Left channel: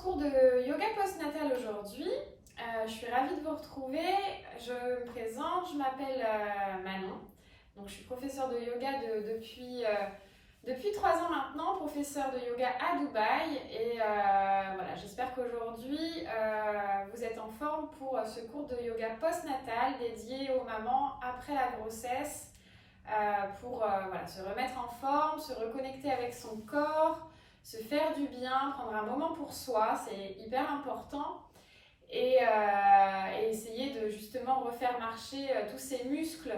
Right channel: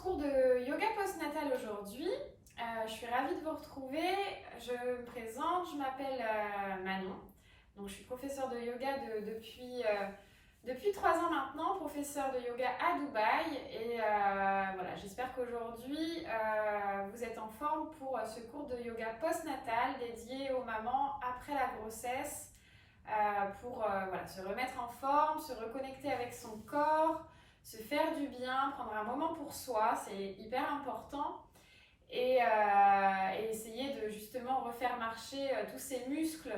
cours de yoga postnatal aujourd'hui. Je suis ravie de vous retrouver. Je me présente, je m'appelle Manon. Donc, je suis professeure de yoga depuis 3 ans maintenant, professeure de yoga à Dubaï. Et voilà, j'espère qu'aujourd'hui, vous êtes en forme pour ce cours de yoga postnatal dédié aux mamans après la grossesse pour voilà, se remettre en forme, se reconnecter avec son corps, se faire du bien, prendre un moment pour soi, c'est hyper important. Et essayer de justement refaire marcher tous ces muscles,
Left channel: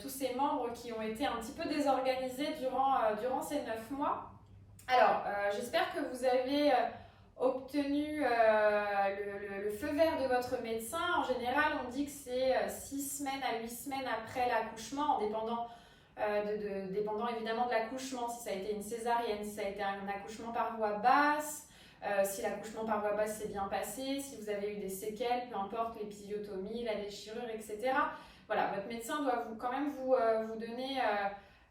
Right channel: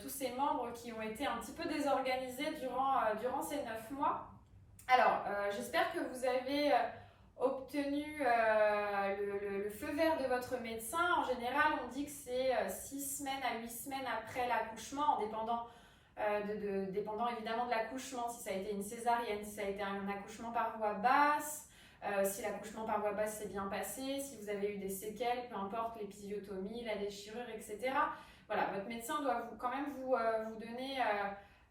tous ces membres qui ont été un petit peu désorganisés durant ces 9 mois. Alors, j'espère que vous avez obtenu le feu vert de votre médecin. En général, on dit que c'est 6 semaines à 8 semaines après l'accouchement, dépendant évidemment de l'accouchement, si ça a été une césarienne, si ça a été un accouchement par voie basse, si l'accouchement par voie basse s'est bien passé, si vous avez eu des séquelles, peu importe, l'épisiotomie, la déchirure, etc. Voilà, votre médecin doit quand même vous donner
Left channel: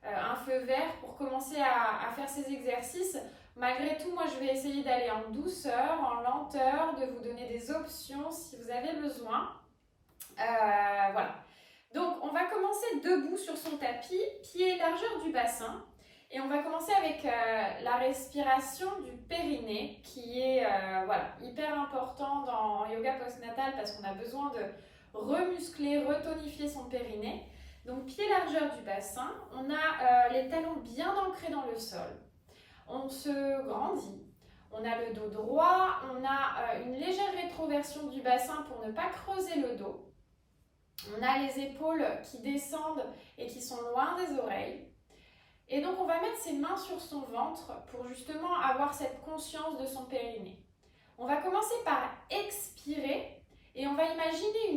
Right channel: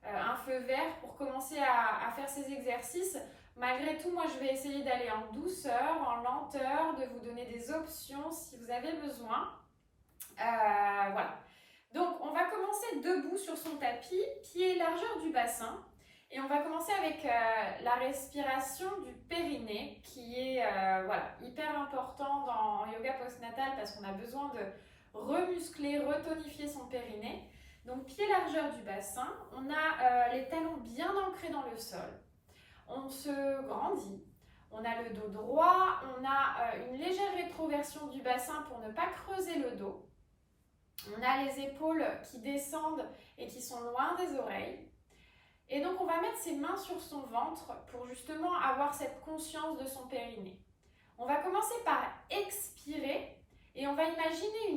un feu vert pour commencer à faire ces exercices. Malgré tout, moi je vais essayer d'aller en douceur, en lenteur, de vous donner des options si vous avez besoin. Voilà. Donc, on va commencer debout sur son tapis, pied largeur du bassin. Et on va commencer avec la respiration du périnée, qui est voilà, hyper important en yoga postnatal parce qu'on a besoin de remuscler, retonifier son périnée. Donc, pied largeur du bassin, on a les talons bien ancrés dans le sol. On se grandit. On a le dos droit, on a une légère rétroversion du bassin pour ne pas creuser le dos. On a les épaules qui descendent et qui sont loin des oreilles. Et donc, on va mettre ses mains sur son ventre pour justement avoir cette conscience de son périnée. On va commencer par expirer et on va imaginer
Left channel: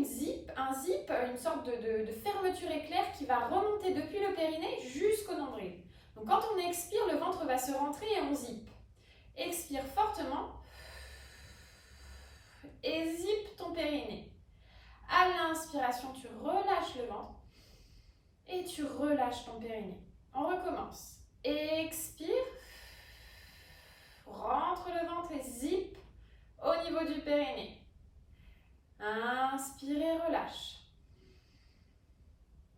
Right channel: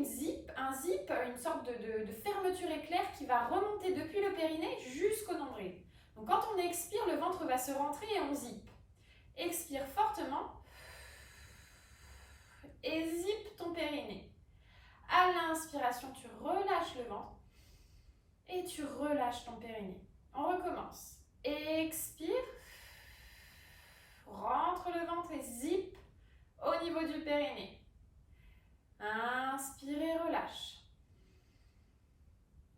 un zip, une sorte de fermeture éclair qui va remonter depuis le périnée jusqu'au nombril. Donc, quand on expire, le ventre va se rentrer et on zip. Expire fortement et zip ton périnée. À l'inspiration, tu relâches le ventre et tu relâches ton périnée. On recommence. Expire. Rentre le ventre et zip au niveau du périnée. Inspire et relâche.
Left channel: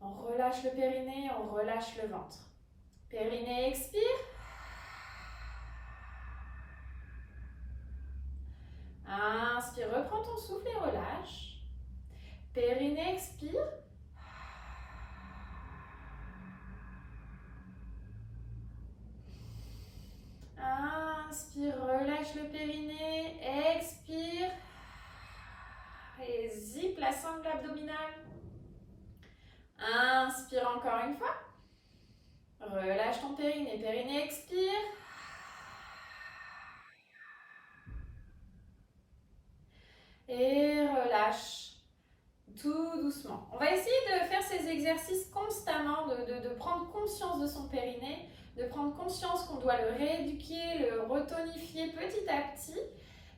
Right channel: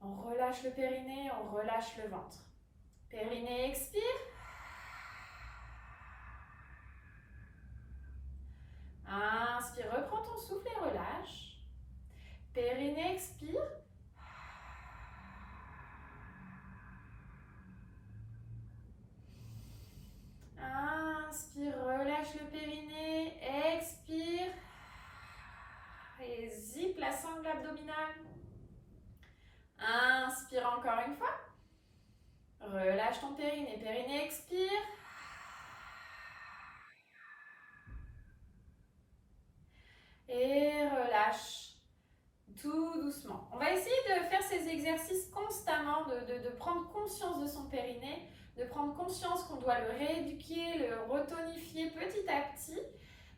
On relâche le périnée, on relâche le ventre. Périnée, expire. Inspire, reprends ton souffle et relâche. Périnée, expire. Inspire, relâche le périnée, expire. Et zip la sangle abdominale. Inspire encore une fois. Relâche ton périnée, périnée, expire. Et relâche tout doucement. On va essayer de faire ces exercices constamment, de prendre conscience de son périnée, de prendre conscience qu'on doit le rééduquer, le retonifier petit à petit.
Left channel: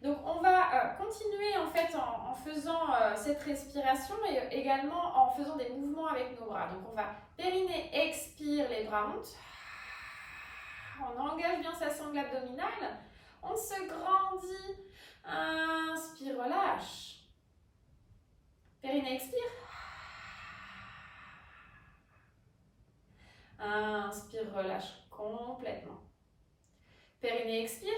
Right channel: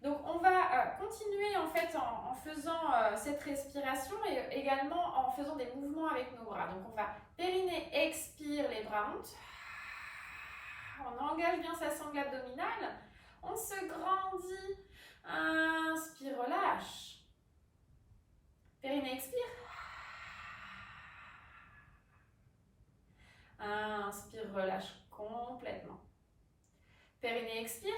Donc on va continuer en fait en faisant cette respiration et également en faisant des mouvements avec nos bras. Donc on va périnée, expire, les bras montent. On engage bien sa sangle abdominale. On se grandit. Inspire, relâche. Périnée, expire. Inspire, relâche complètement. Périnée, expire.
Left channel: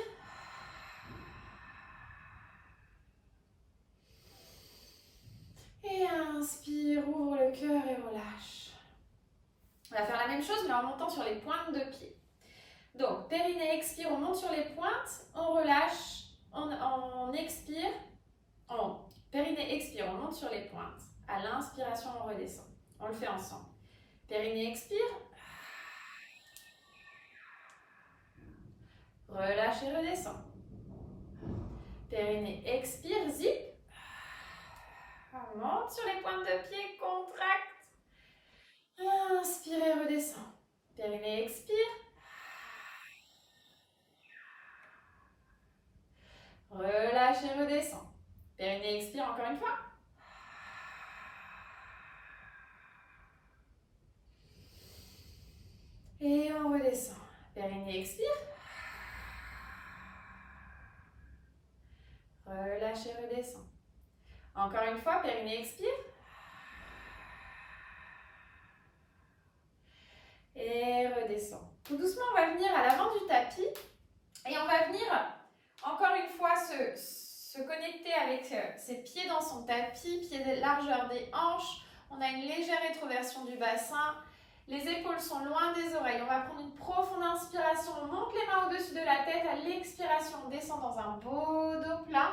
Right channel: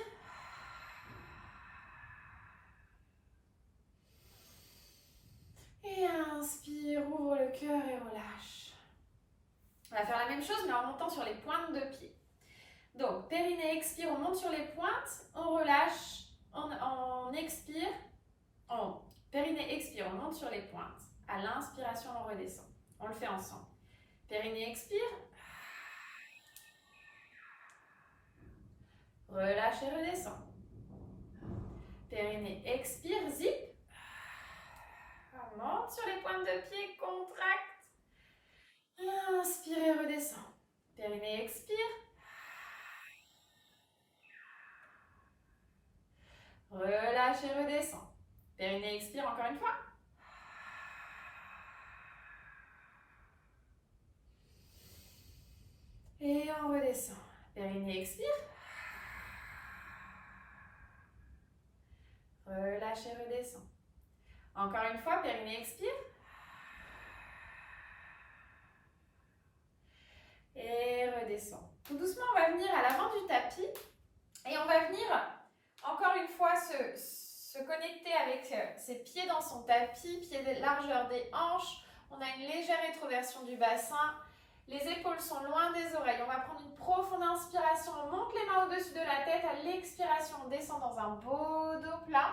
Et inspire, ouvre le cœur et relâche. On va faire la même chose mais en montant sur les pointes de pied. Donc, périnée, expire, on monte sur les pointes, on relâche, on expire. Périnée, expire, on monte sur les pointes. À l'inspiration, on redescend. On le fait ensemble. Périnée, expire. Relâche et redescend. Périnée, expire, zip. On monte sur les pointes de pied, contracte. Inspire et redescend. Périnée, expire. Relâche et redescend. Périnée, expire encore une fois. Et on redescend. Périnée, expire. relâche et redescend. Encore une fois, périnée expire. Et redescend. Tout doucement, on va venir à l'avant du tapis et on va venir encore une fois se connecter avec ses pieds dans son tapis, pieds de largeur des hanches. On a une légère rétroversion du bassin. Les épaules sont loin des oreilles. On va prendre une profonde inspiration. On monte les mains au-dessus de la tête. À l'expiration, on descend dans un beau dos plat.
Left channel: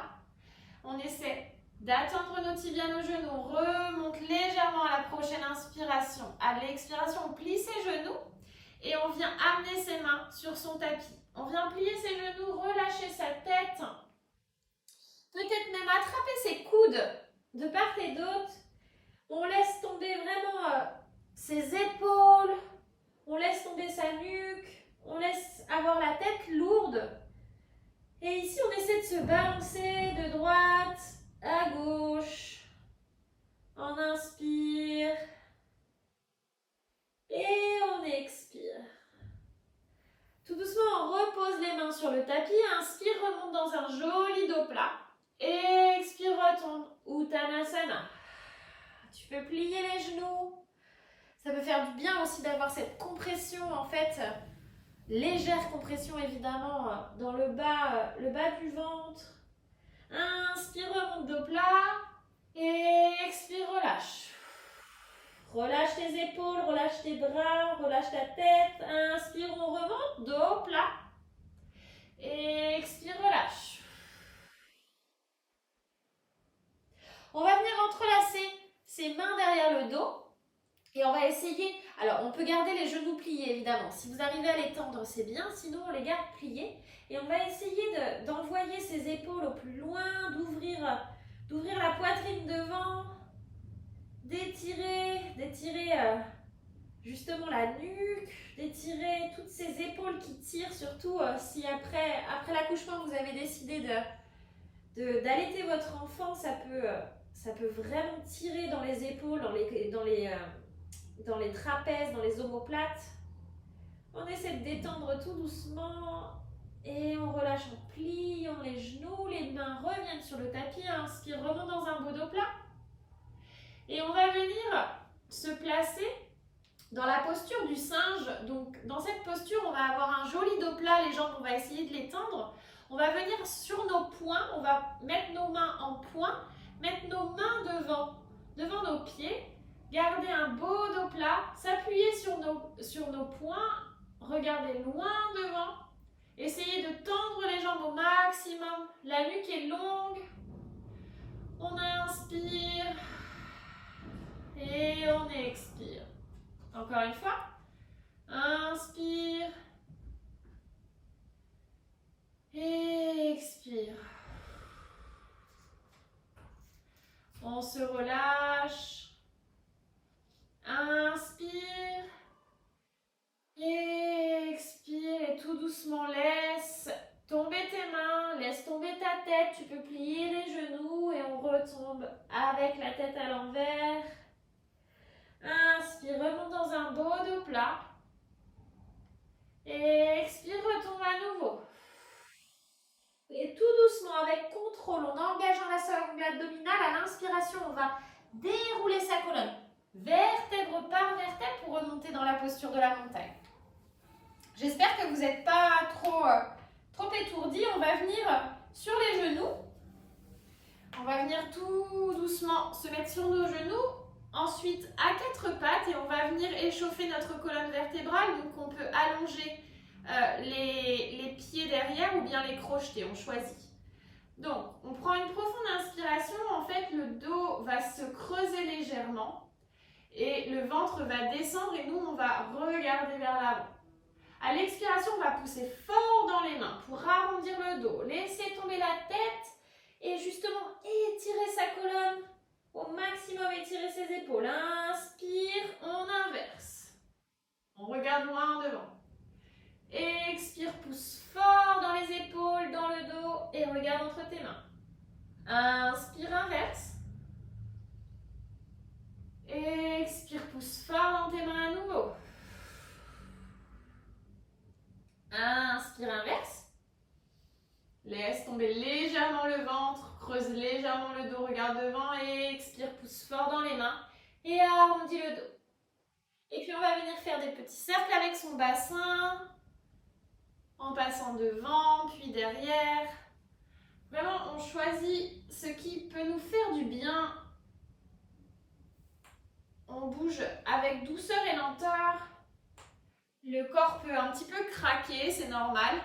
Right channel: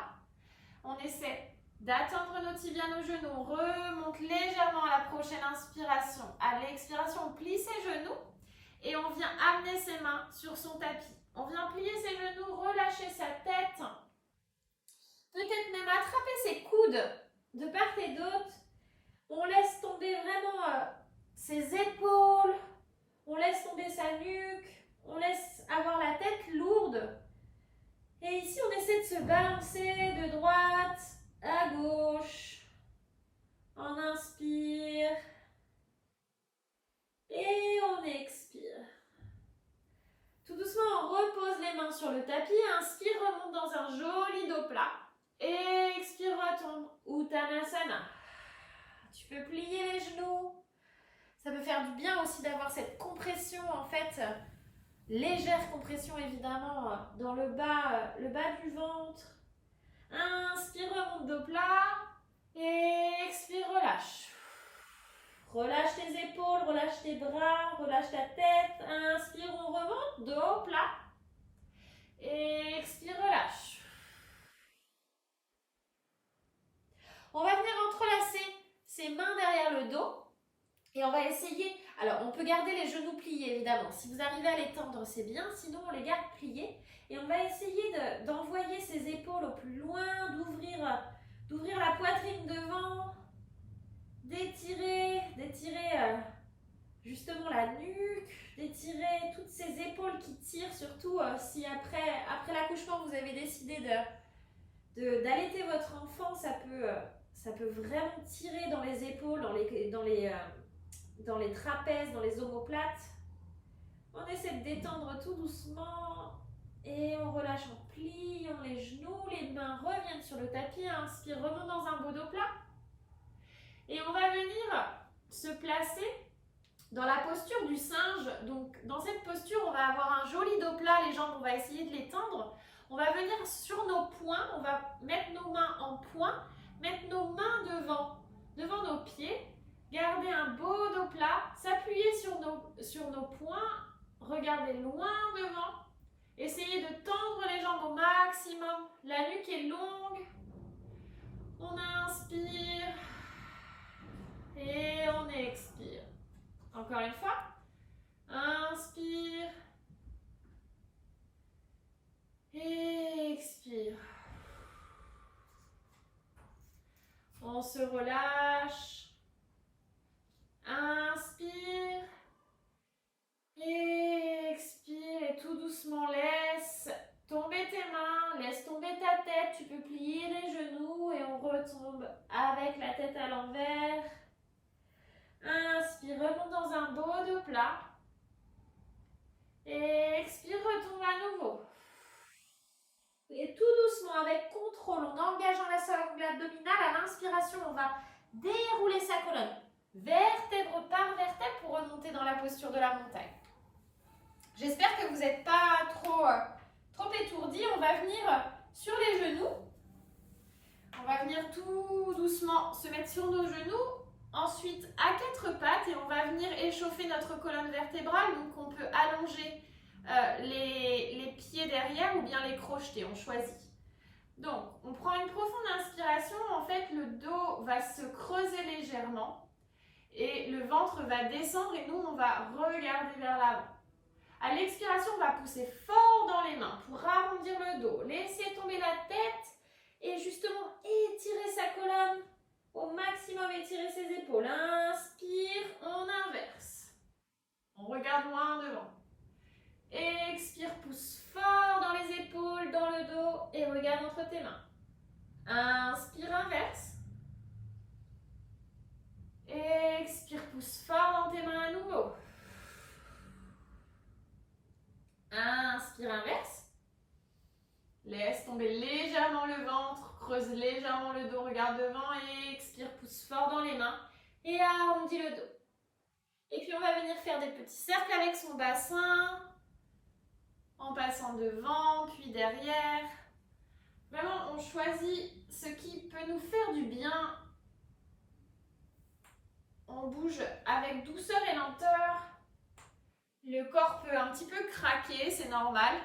On essaie d'atteindre nos tibias, nos genoux. On remonte légèrement à la prochaine inspiration. À l'expiration, on plie ses genoux et on vient amener ses mains sur son tapis. On vient plier ses genoux, relâcher sa tête. Peut-être même attraper ses coudes de part et d'autre. On laisse tomber vraiment ses épaules. On laisse tomber sa nuque. On laisse avoir la tête lourde. Et ici, on essaie de se balancer de droite à gauche. On inspire. Et on expire. Tout doucement, on repose les mains sur le tapis. Inspire, remonte dans un joli dos plat. Expire, retombe. Uttanasana. Tu peux plier les genoux. Ça peut faire du bien aussi d'avoir cette compression, en fait, légère compression évidemment dans le bas du ventre. Inspire, remonte dos plat. Et expire, relâche. Relâche tes épaules, relâche tes bras, relâche ta tête. Inspire, on remonte, dos plat. Et expire, relâche. On va venir entrelacer ses mains derrière le dos. Et on va essayer, alors on peut garder les genoux pliés évidemment. Si vous arrivez à les tendre, c'est bien. Sinon, on les garde pliés. Et on va essayer d'envoyer ses épaules au plus loin, d'ouvrir la poitrine devant. D'étirer justement la nuque, d'étirer toutes ces épaules qui tirent, surtout si après l'accouchement vous avez décidé d'allaiter votre enfant, ça peut vraiment tirer dans les épaules, dans les trapèzes, dans les omoplates. On essaie de détendre tout doucement et on relâche en pliant les genoux, les mains reviennent sur le tapis, inspire, remonte dans un beau dos plat. Et on va venir se placer dans la posture du singe. Donc, dans cette posture, on va avoir un joli dos plat. Les jambes, on va essayer de les tendre. On va venir sur nos poings. On va mettre nos mains en poing. Mettre nos mains devant nos pieds. Garder un beau dos plat. S'appuyer sur nos poings. Regarder loin devant. Essayez de tendre les jambes au maximum. La nuque est longue. On inspire. Et on expire. Encore une fois. Inspire. Et expire. On se relâche. Inspire. Et expire. Et tout doucement, laisse tomber tes mains. Laisse tomber ta tête. Tu peux plier les genoux et on retombe avec la tête à l'envers. Inspire, remonte dans un beau dos plat. Et expire, retombe à nouveau. Et tout doucement, avec contrôle, en engageant la sangle abdominale, à l'inspiration, on va dérouler sa colonne, vertèbre par vertèbre, pour remonter dans la posture de la montagne. J'espère que vous n'êtes pas trop étourdis. On va venir sur les genoux. On va venir tout doucement se mettre sur nos genoux. Ensuite, à quatre pattes, et on va venir échauffer notre colonne vertébrale. Donc, on peut allonger les pieds derrière ou bien les crocheter, on choisit. Donc, on prend une profonde inspiration. En fait, le dos va se creuser légèrement et le ventre va descendre et nous, on va regarder vers l'avant. À l'expiration, on va pousser fort dans les mains pour arrondir le dos. Laisser tomber la tête et justement étirer sa colonne. Au maximum, étirer ses épaules. Inspire, on inverse. On regarde loin devant. Expire, pousse fort dans les épaules, dans le dos et regarde entre tes mains. Inspire, inverse. Expire, pousse fort dans tes mains à nouveau. Inspire, inverse. Laisse tomber légèrement le ventre. creuse légèrement le dos, regarde devant et expire, pousse fort dans les mains et arrondis le dos. Et puis on va venir faire des petits cercles avec son bassin en passant devant puis derrière. Vraiment, on choisit ce qui peut nous faire du bien. On bouge avec douceur et lenteur. Le corps peut un petit peu craquer, c'est normal.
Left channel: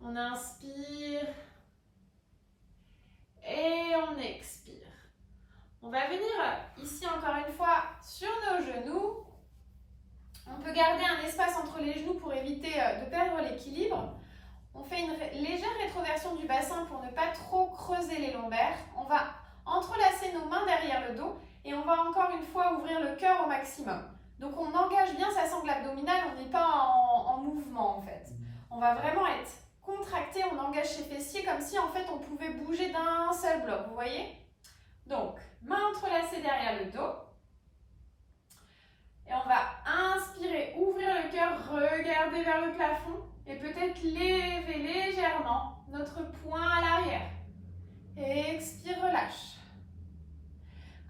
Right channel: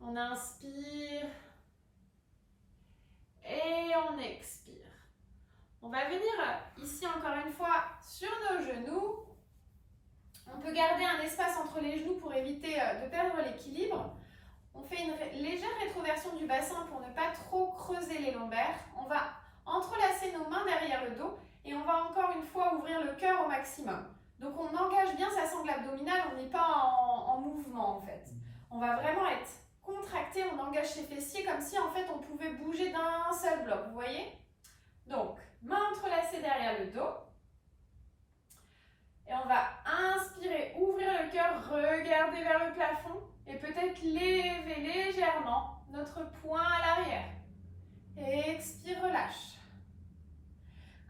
On inspire et on expire. On va venir ici encore une fois sur nos genoux. On peut garder un espace entre les genoux pour éviter de perdre l'équilibre. On fait une légère rétroversion du bassin pour ne pas trop creuser les lombaires. On va entrelacer nos mains derrière le dos et on va encore une fois ouvrir le cœur au maximum. Donc on engage bien sa sangle abdominale, on n'est pas en mouvement en fait. On va vraiment être contracté, on engage ses fessiers comme si en fait on pouvait bouger d'un seul bloc, vous voyez? Donc, mains entrelacées derrière le dos. Et on va inspirer, ouvrir le cœur, regarder vers le plafond et peut-être lever légèrement notre poing à l'arrière. Expire, relâche.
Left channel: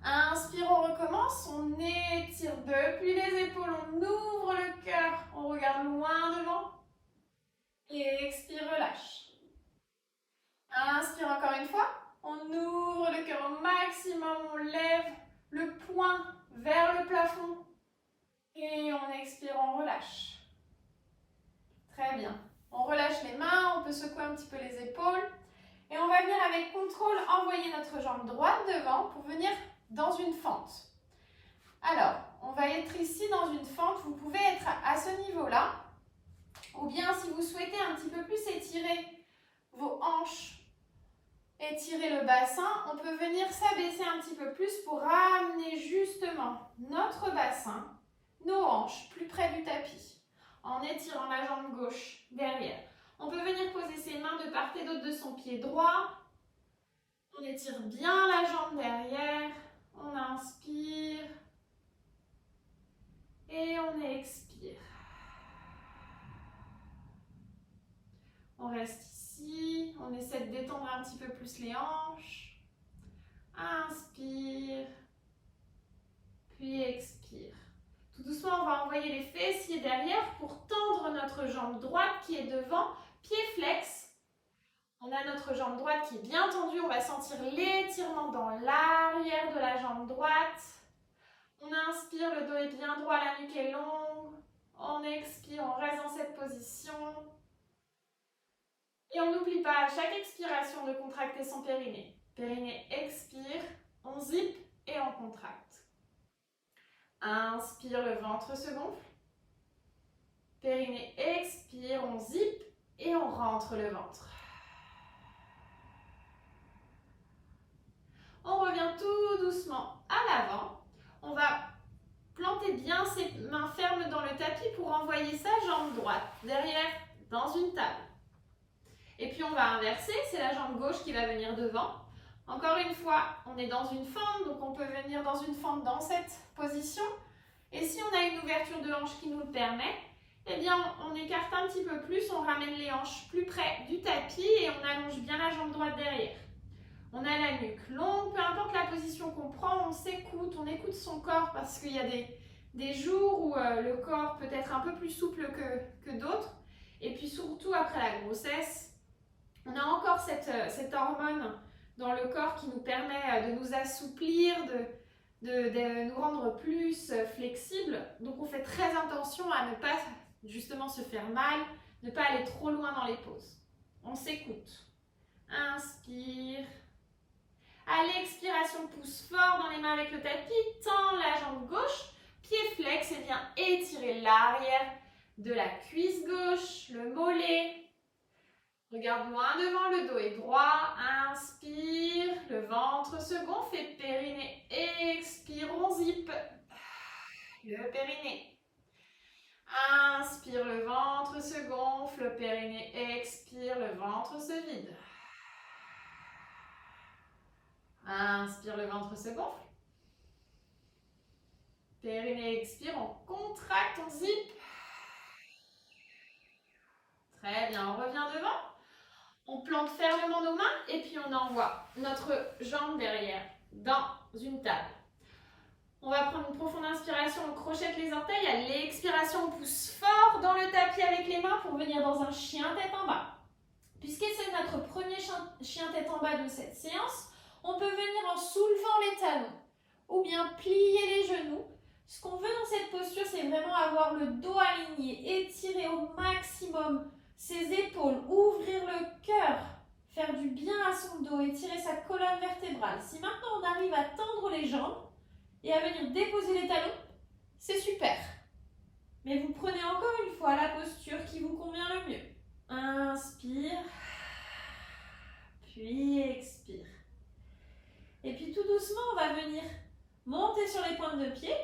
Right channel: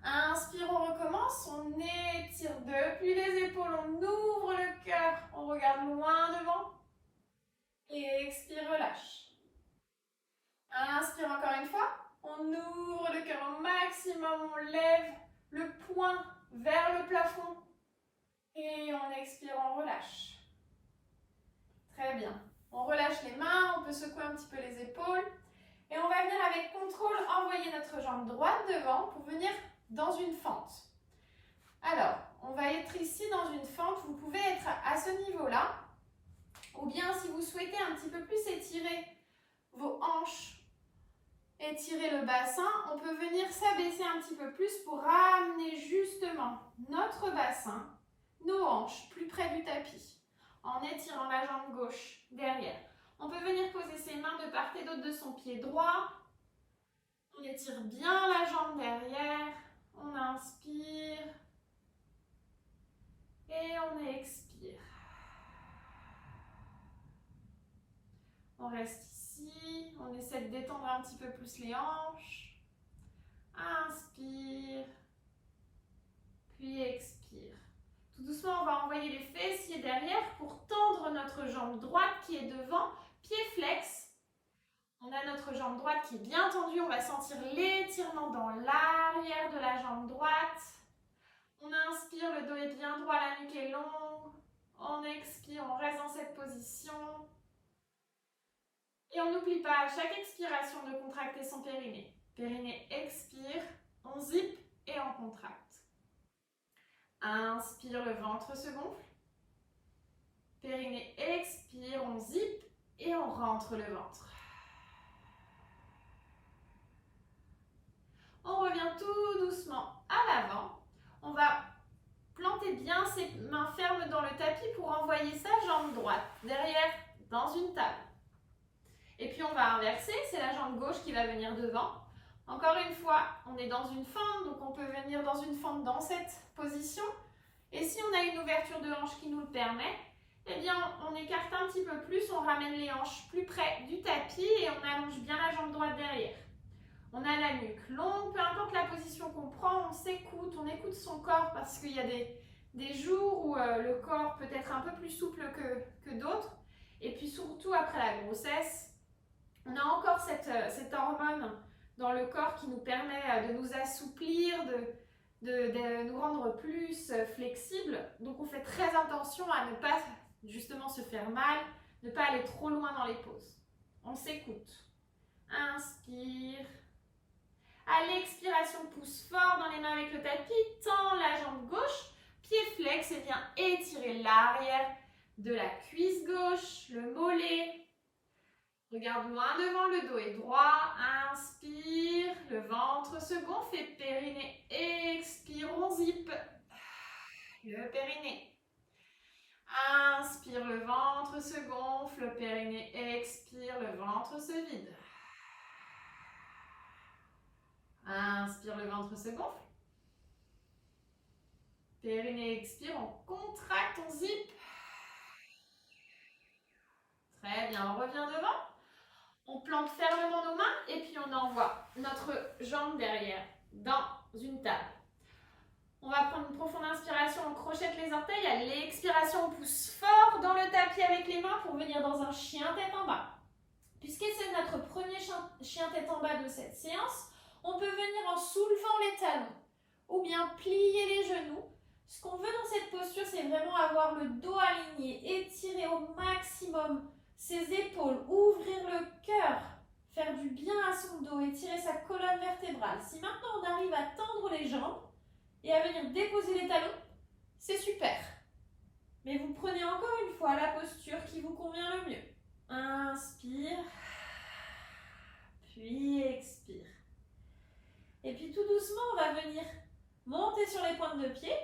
Inspire, on recommence, on étire depuis les épaules, on ouvre le cœur, on regarde loin devant. Et expire, relâche. Inspire encore une fois, on ouvre le cœur au maximum, on lève le poing vers le plafond. Et on expire, on relâche. Très bien. On relâche les mains, on peut secouer un petit peu les épaules. Et on va venir avec contrôle envoyer notre jambe droite devant pour venir dans une fente. Alors, on va être ici dans une fente. Vous pouvez être à ce niveau-là. Ou bien si vous souhaitez un petit peu plus étirer vos hanches, étirer le bassin, on peut venir s'abaisser un petit peu plus pour ramener justement notre bassin, nos hanches plus près du tapis, en étirant la jambe gauche derrière. On peut venir poser ses mains de part et d'autre de son pied droit. On étire bien la jambe derrière. On inspire. Et on expire. On reste ici. On essaie de détendre un petit peu plus les hanches. Inspire. Puis expire. Tout doucement, on va envoyer les fessiers derrière pour tendre notre jambe droite qui est devant, pied flex. On a notre jambe droite qui est bien tendue, on va sentir l'étirement dans l'arrière de la jambe droite. On inspire, le dos est bien droit, la nuque est longue. On expire, on reste dans cette position. Et on n'oublie pas à chaque expiration de contracter son périnée. Périnée expire, on zip et on contracte. Inspire, le ventre se gonfle. Périnée expire, on zip et on rentre le ventre. On revient tout doucement à l'avant. On va planter bien ses mains fermes dans le tapis pour envoyer sa jambe droite derrière dans une table. Et puis on va inverser, c'est la jambe gauche qui va venir devant. Encore une fois, on est dans une fente, donc on peut venir dans une fente dans cette position. Et si on a une ouverture de hanche qui nous le permet, eh bien on écarte un petit peu plus, on ramène les hanches plus près du tapis et on allonge bien la jambe droite derrière. On a la nuque longue, peu importe la position qu'on prend, on s'écoute, on écoute son corps parce qu'il y a des jours où le corps peut être un peu plus souple que d'autres. Et puis surtout après la grossesse, on a encore cette hormone dans le corps qui nous permet de nous assouplir, de nous rendre plus flexibles. Donc on fait très attention à ne pas justement se faire mal, ne pas aller trop loin dans les pauses. On s'écoute. Inspire. À l'expiration, pousse fort dans les mains avec le tapis, tends la jambe gauche, pied flex et viens étirer l'arrière de la cuisse gauche, le mollet. Regarde loin devant, le dos est droit. Inspire, le ventre se gonfle et périnée. Expire, on zip. Le périnée. Inspire, le ventre se gonfle, le périnée expire, le ventre se vide. Inspire, le ventre se gonfle. Périnée expire, on contracte, on zip. Très bien, on revient devant. On plante fermement nos mains et puis on envoie notre jambe derrière dans une table. On va prendre une profonde inspiration, on crochette les orteils. À l'expiration, on pousse fort dans le tapis avec les mains pour venir dans un chien tête en bas. Puisque c'est notre premier chien tête en bas de cette séance, on peut venir en soulevant les talons ou bien plier les genoux. Ce qu'on veut dans cette posture, c'est vraiment avoir le dos aligné, étirer au maximum ses épaules, ouvrir le cœur, faire du bien à son dos, étirer sa colonne vertébrale. Si maintenant on arrive à tendre les jambes et à venir déposer les talons, c'est super. Mais vous prenez encore une fois la posture qui vous convient le mieux. Inspire, puis expire. Et puis tout doucement, on va venir monter sur les pointes de pied,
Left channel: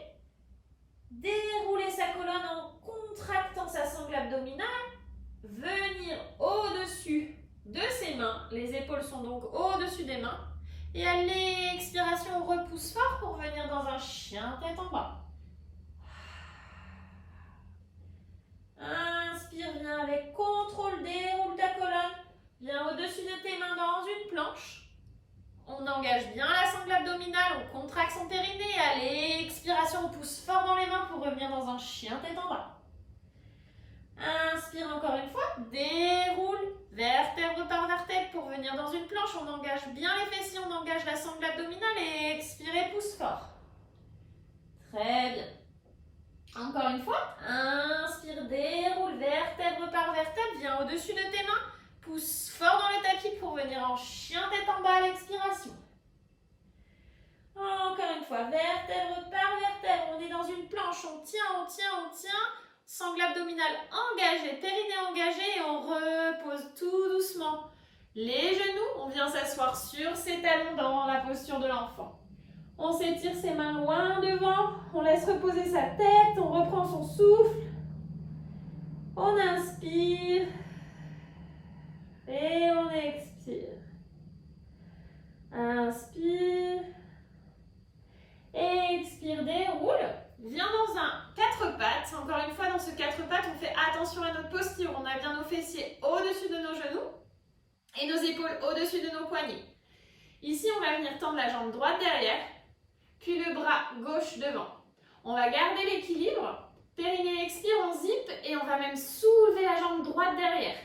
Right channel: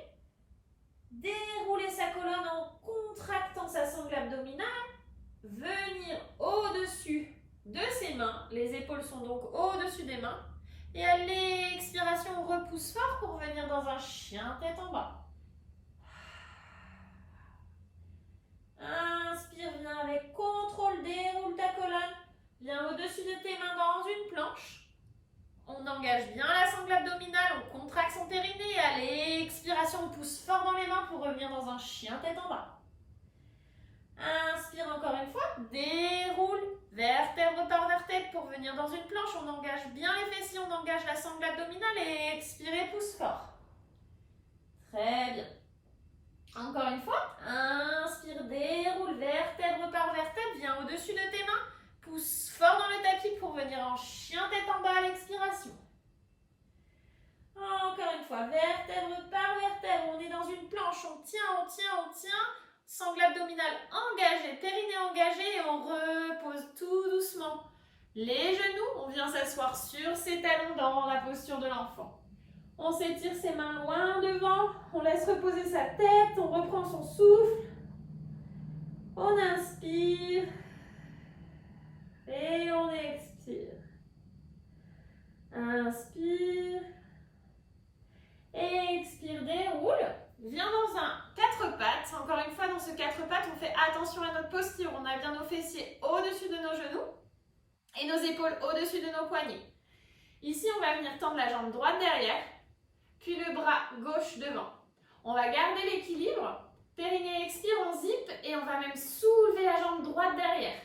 dérouler sa colonne en contractant sa sangle abdominale, venir au-dessus de ses mains. Les épaules sont donc au-dessus des mains. Et à l'expiration, on repousse fort pour venir dans un chien tête en bas. Inspire, viens avec contrôle, déroule ta colonne. Viens au-dessus de tes mains dans une planche. On engage bien la sangle abdominale, on contracte son périnée. À l'expiration, on pousse fort dans les mains pour revenir dans un chien tête en bas. Inspire encore une fois, déroule, vertèbre par vertèbre pour venir dans une planche. On engage bien les fessiers, on engage la sangle abdominale et expire, pousse fort. Très bien. Encore une fois, inspire, déroule, vertèbre par vertèbre, viens au-dessus de tes mains, pousse fort dans le tapis pour venir en chien tête en bas à l'expiration. Encore une fois, vertèbre par vertèbre, on est dans une planche, on tient, on tient, on tient. Sangle abdominale engagée, périnée engagé et on repose tout doucement les genoux. On vient s'asseoir sur ses talons dans la posture de l'enfant. On s'étire ses mains loin devant, on laisse reposer sa tête, on reprend son souffle. On inspire et on expire. Inspire, expire, déroule. Viens dans un 4 pattes. Encore une fois, dans ce 4 pattes, on fait attention à notre posture. On a bien nos fessiers au-dessus de nos genoux et nos épaules au-dessus de nos poignets. Ici, on va venir tendre la jambe droite derrière, puis le bras gauche devant. On va garder l'équilibre. Périnée expire, on zip et on va même soulever la jambe droite derrière.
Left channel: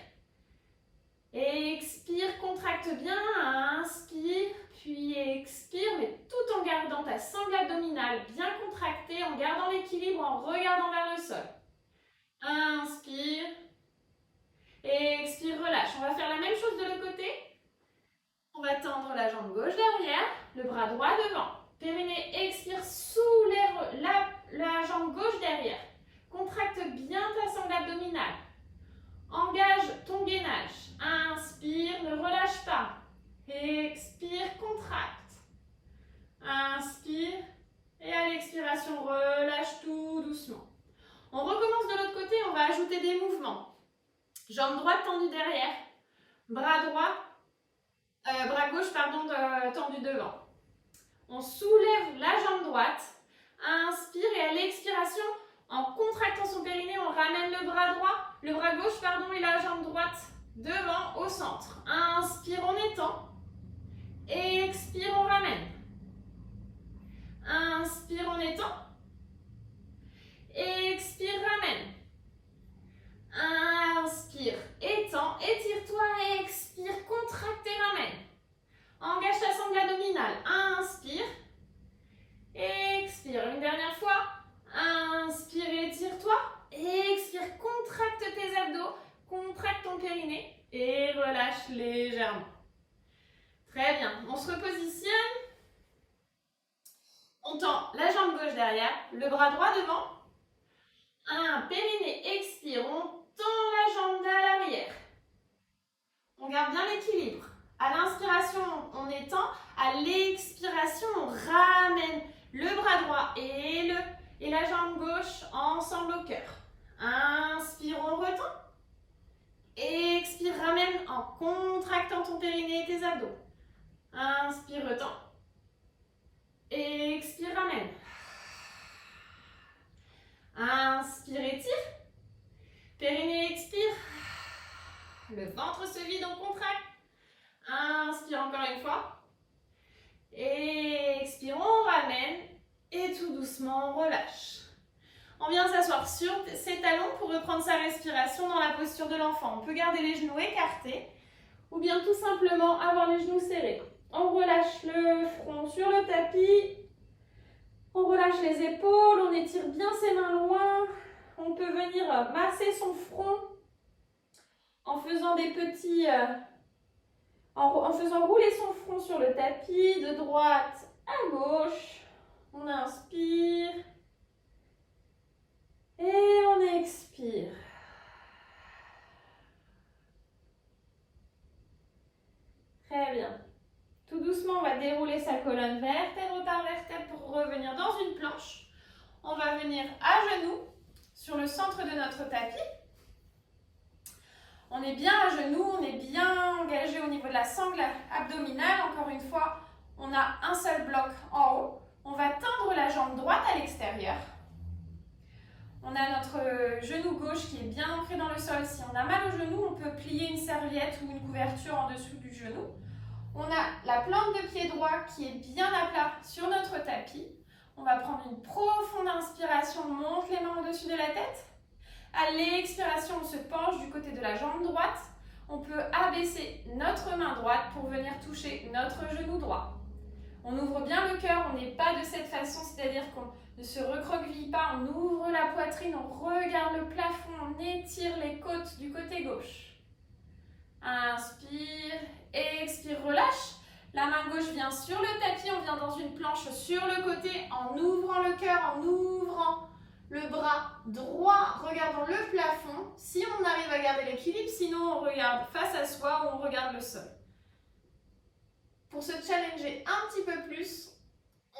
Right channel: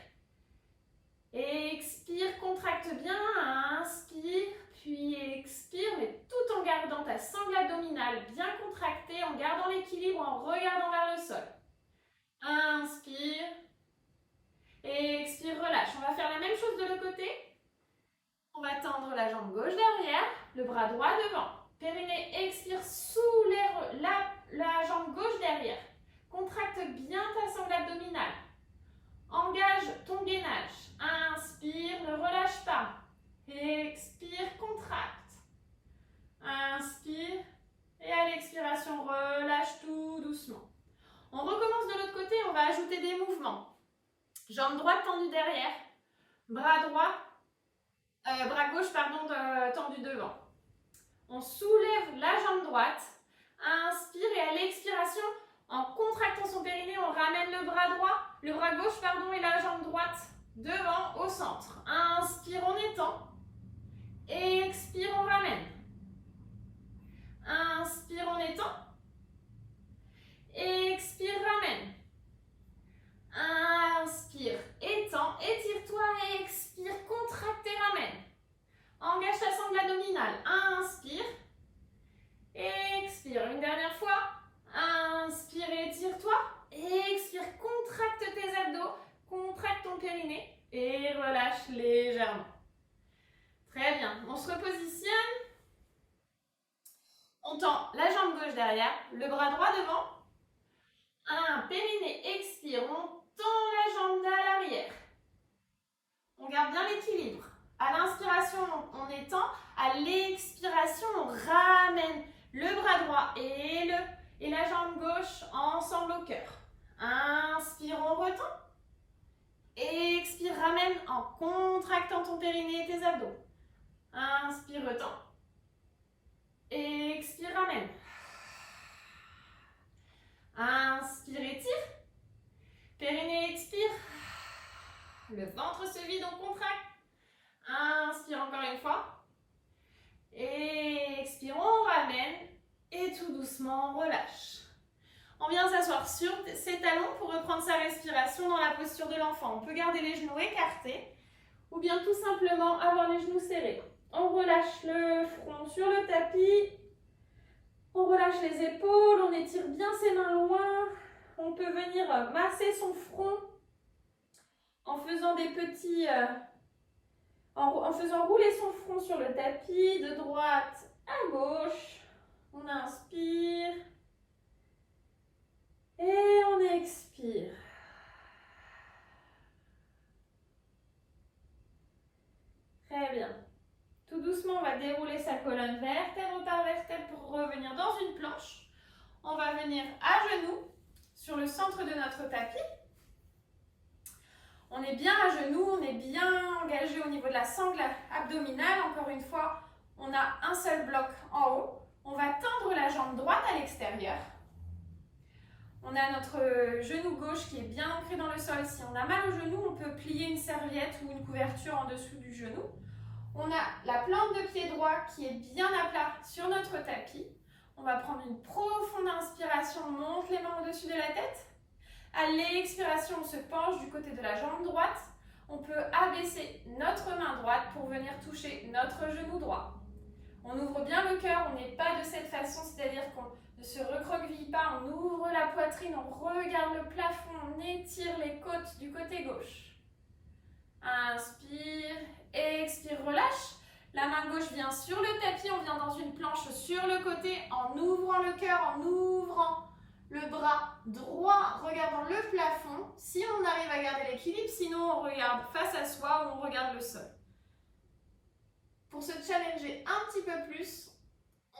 Expire, contracte bien, inspire, puis expire, mais tout en gardant ta sangle abdominale bien contractée, en gardant l'équilibre, en regardant vers le sol. Inspire, expire, relâche. On va faire la même chose de l'autre côté. On va tendre la jambe gauche derrière, le bras droit devant. Périnée expire, soulève la jambe gauche derrière. Contracte bien ta sangle abdominale. Engage ton gainage. Inspire, ne relâche pas. Expire, contracte. Inspire. Et à l'expiration, relâche tout doucement. On recommence de l'autre côté, on va ajouter des mouvements. Jambe droite tendue derrière. Bras gauche tendu devant. On soulève la jambe droite. Inspire et à l'expiration, en contractant son périnée, on ramène le bras gauche et la jambe droite devant au centre. Inspire, on étend. Expire, on ramène. Inspire, on étend. Expire, ramène. Inspire, étends, étire-toi, expire, contracte et ramène. Engage ta sangle abdominale. Inspire. Expire, une dernière fois. Inspire, étire-toi. Expire, contracte tes abdos, contracte ton périnée et relâche légèrement. Très bien, on se repositionne. On tend la jambe gauche derrière, le bras droit devant. Périnée, expire, on tend la jambe à l'arrière. On garde bien l'équilibre. À l'inspiration, on étend. À l'expiration, on ramène le bras droit et la jambe gauche ensemble au cœur. Inspire, on retend. Expire, ramène en contractant ton périnée et tes abdos. Inspire, retend. Expire, ramène. Inspire, étire. Périnée, expire. Le ventre se vide, on contracte. inspire encore une fois. Et expire, on ramène. Et tout doucement, on relâche. On vient s'asseoir sur ses talons pour reprendre sa respiration dans la posture de l'enfant. On peut garder les genoux écartés ou bien tout simplement avoir les genoux serrés. On relâche le front sur le tapis. On relâche les épaules, on étire bien ses mains loin. On peut venir masser son front en faisant des petits... en faisant rouler son front sur le tapis, de droite à gauche. On inspire. Et on expire. Très bien. Tout doucement, on va dérouler sa colonne vertèbre par vertèbre pour revenir dans une planche. On va venir à genoux sur le centre de notre tapis. On est bien à genoux, on est bien engagé au niveau de la sangle abdominale. Encore une fois, on a un seul bloc en haut. On va tendre la jambe droite à l'extérieur. On a notre genou gauche qui est bien ancré dans le sol. Si on a mal au genou, on peut plier une serviette ou une couverture en dessous du genou. On a la plante de pied droit qui est bien à plat sur notre tapis. On va prendre une profonde inspiration, on monte les mains au-dessus de la tête. À l'expiration, on se penche du côté de la jambe droite. On peut abaisser notre main droite pour venir toucher notre genou droit. On ouvre bien le cœur, on n'est pas de cette façon, c'est-à-dire qu'on ne se recroqueville pas, on ouvre la poitrine, on regarde le plafond, on étire les côtes du côté gauche. Inspire, expire, relâche. La main gauche vient sur le tapis, on vient dans une planche sur le côté en ouvrant le cœur, en ouvrant le bras droit, regardant le plafond. Si on arrive à garder l'équilibre, sinon on regarde face à soi ou on regarde le sol. Pour se challenger un petit peu plus,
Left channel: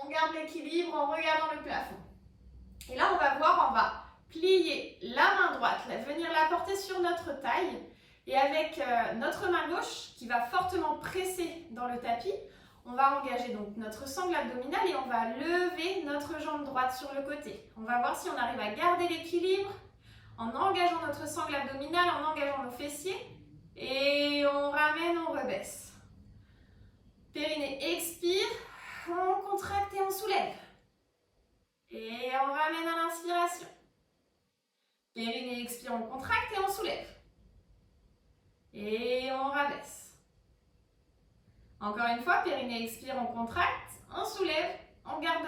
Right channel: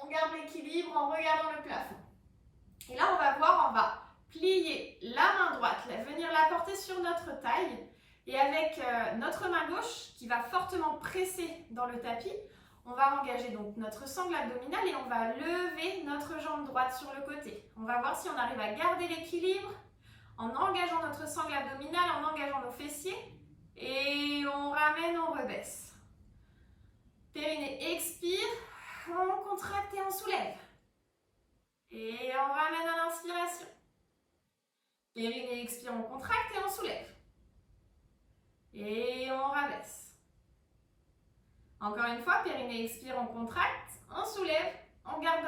on garde l'équilibre en regardant le plafond. Et là, on va voir, on va plier la main droite, venir la porter sur notre taille. Et avec notre main gauche qui va fortement presser dans le tapis, on va engager donc notre sangle abdominale et on va lever notre jambe droite sur le côté. On va voir si on arrive à garder l'équilibre en engageant notre sangle abdominale, en engageant nos fessiers. Et on ramène, on rebaisse. Périnée expire, on contracte et on soulève. Et on ramène à l'inspiration. Périnée expire, on contracte et on soulève. Et on rabaisse. Encore une fois, périnée expire, on contracte, on soulève, on garde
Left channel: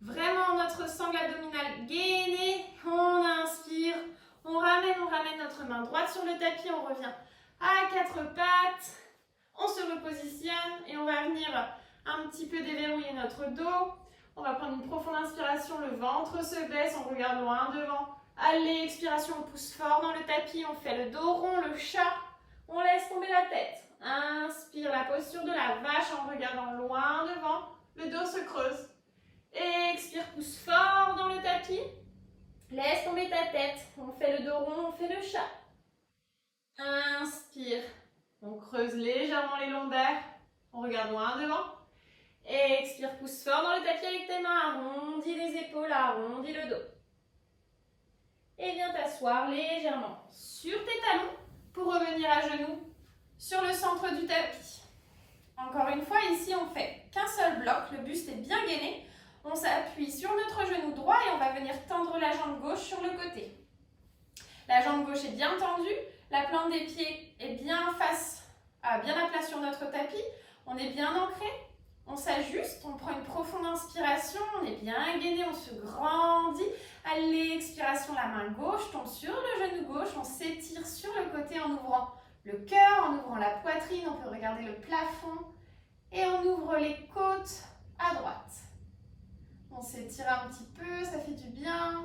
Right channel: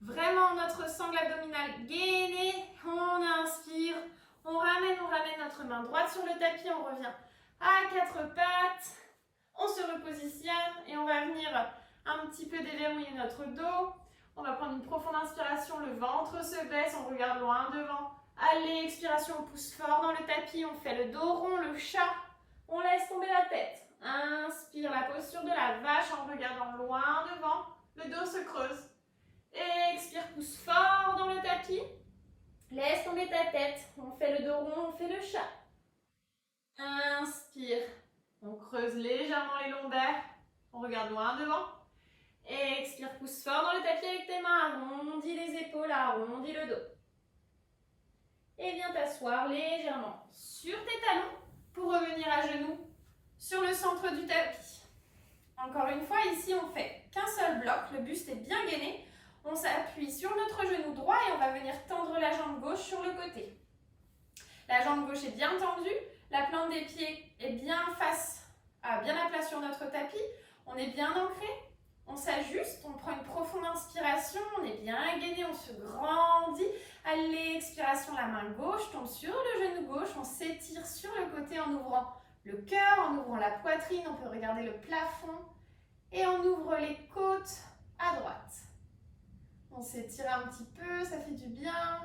vraiment notre sangle abdominale gainée, on inspire, on ramène notre main droite sur le tapis, on revient à quatre pattes, on se repositionne et on va venir un petit peu déverrouiller notre dos. On va prendre une profonde inspiration, le ventre se baisse, on regarde loin devant. À l'expiration, on pousse fort dans le tapis, on fait le dos rond, le chat. On laisse tomber la tête. Inspire, la posture de la vache en regardant loin devant. Le dos se creuse. Expire, pousse fort dans le tapis. Laisse tomber ta tête. On fait le dos rond, on fait le chat. Inspire. On creuse légèrement les lombaires. On regarde loin devant. Expire, pousse fort dans le tapis avec tes mains. Arrondis les épaules, arrondis le dos. Et viens t'asseoir légèrement sur tes talons pour revenir à genoux sur le centre du tapis. Encore une fois, ici, on fait qu'un seul bloc. Le buste est bien gainé. On s'appuie sur notre genou droit et on va venir tendre la jambe gauche sur le côté. La jambe gauche est bien tendue. La plante des pieds est bien à plat sur notre tapis. On est bien ancré. On s'ajuste. On prend une profonde inspiration. On est bien gainé. On se grandit. À l'expiration, la main gauche tombe sur le genou gauche. On s'étire sur le côté en ouvrant le cœur, en ouvrant la poitrine. On peut regarder le plafond. Et on ouvre les côtes à droite. On s'étire un petit peu, ça fait du bien.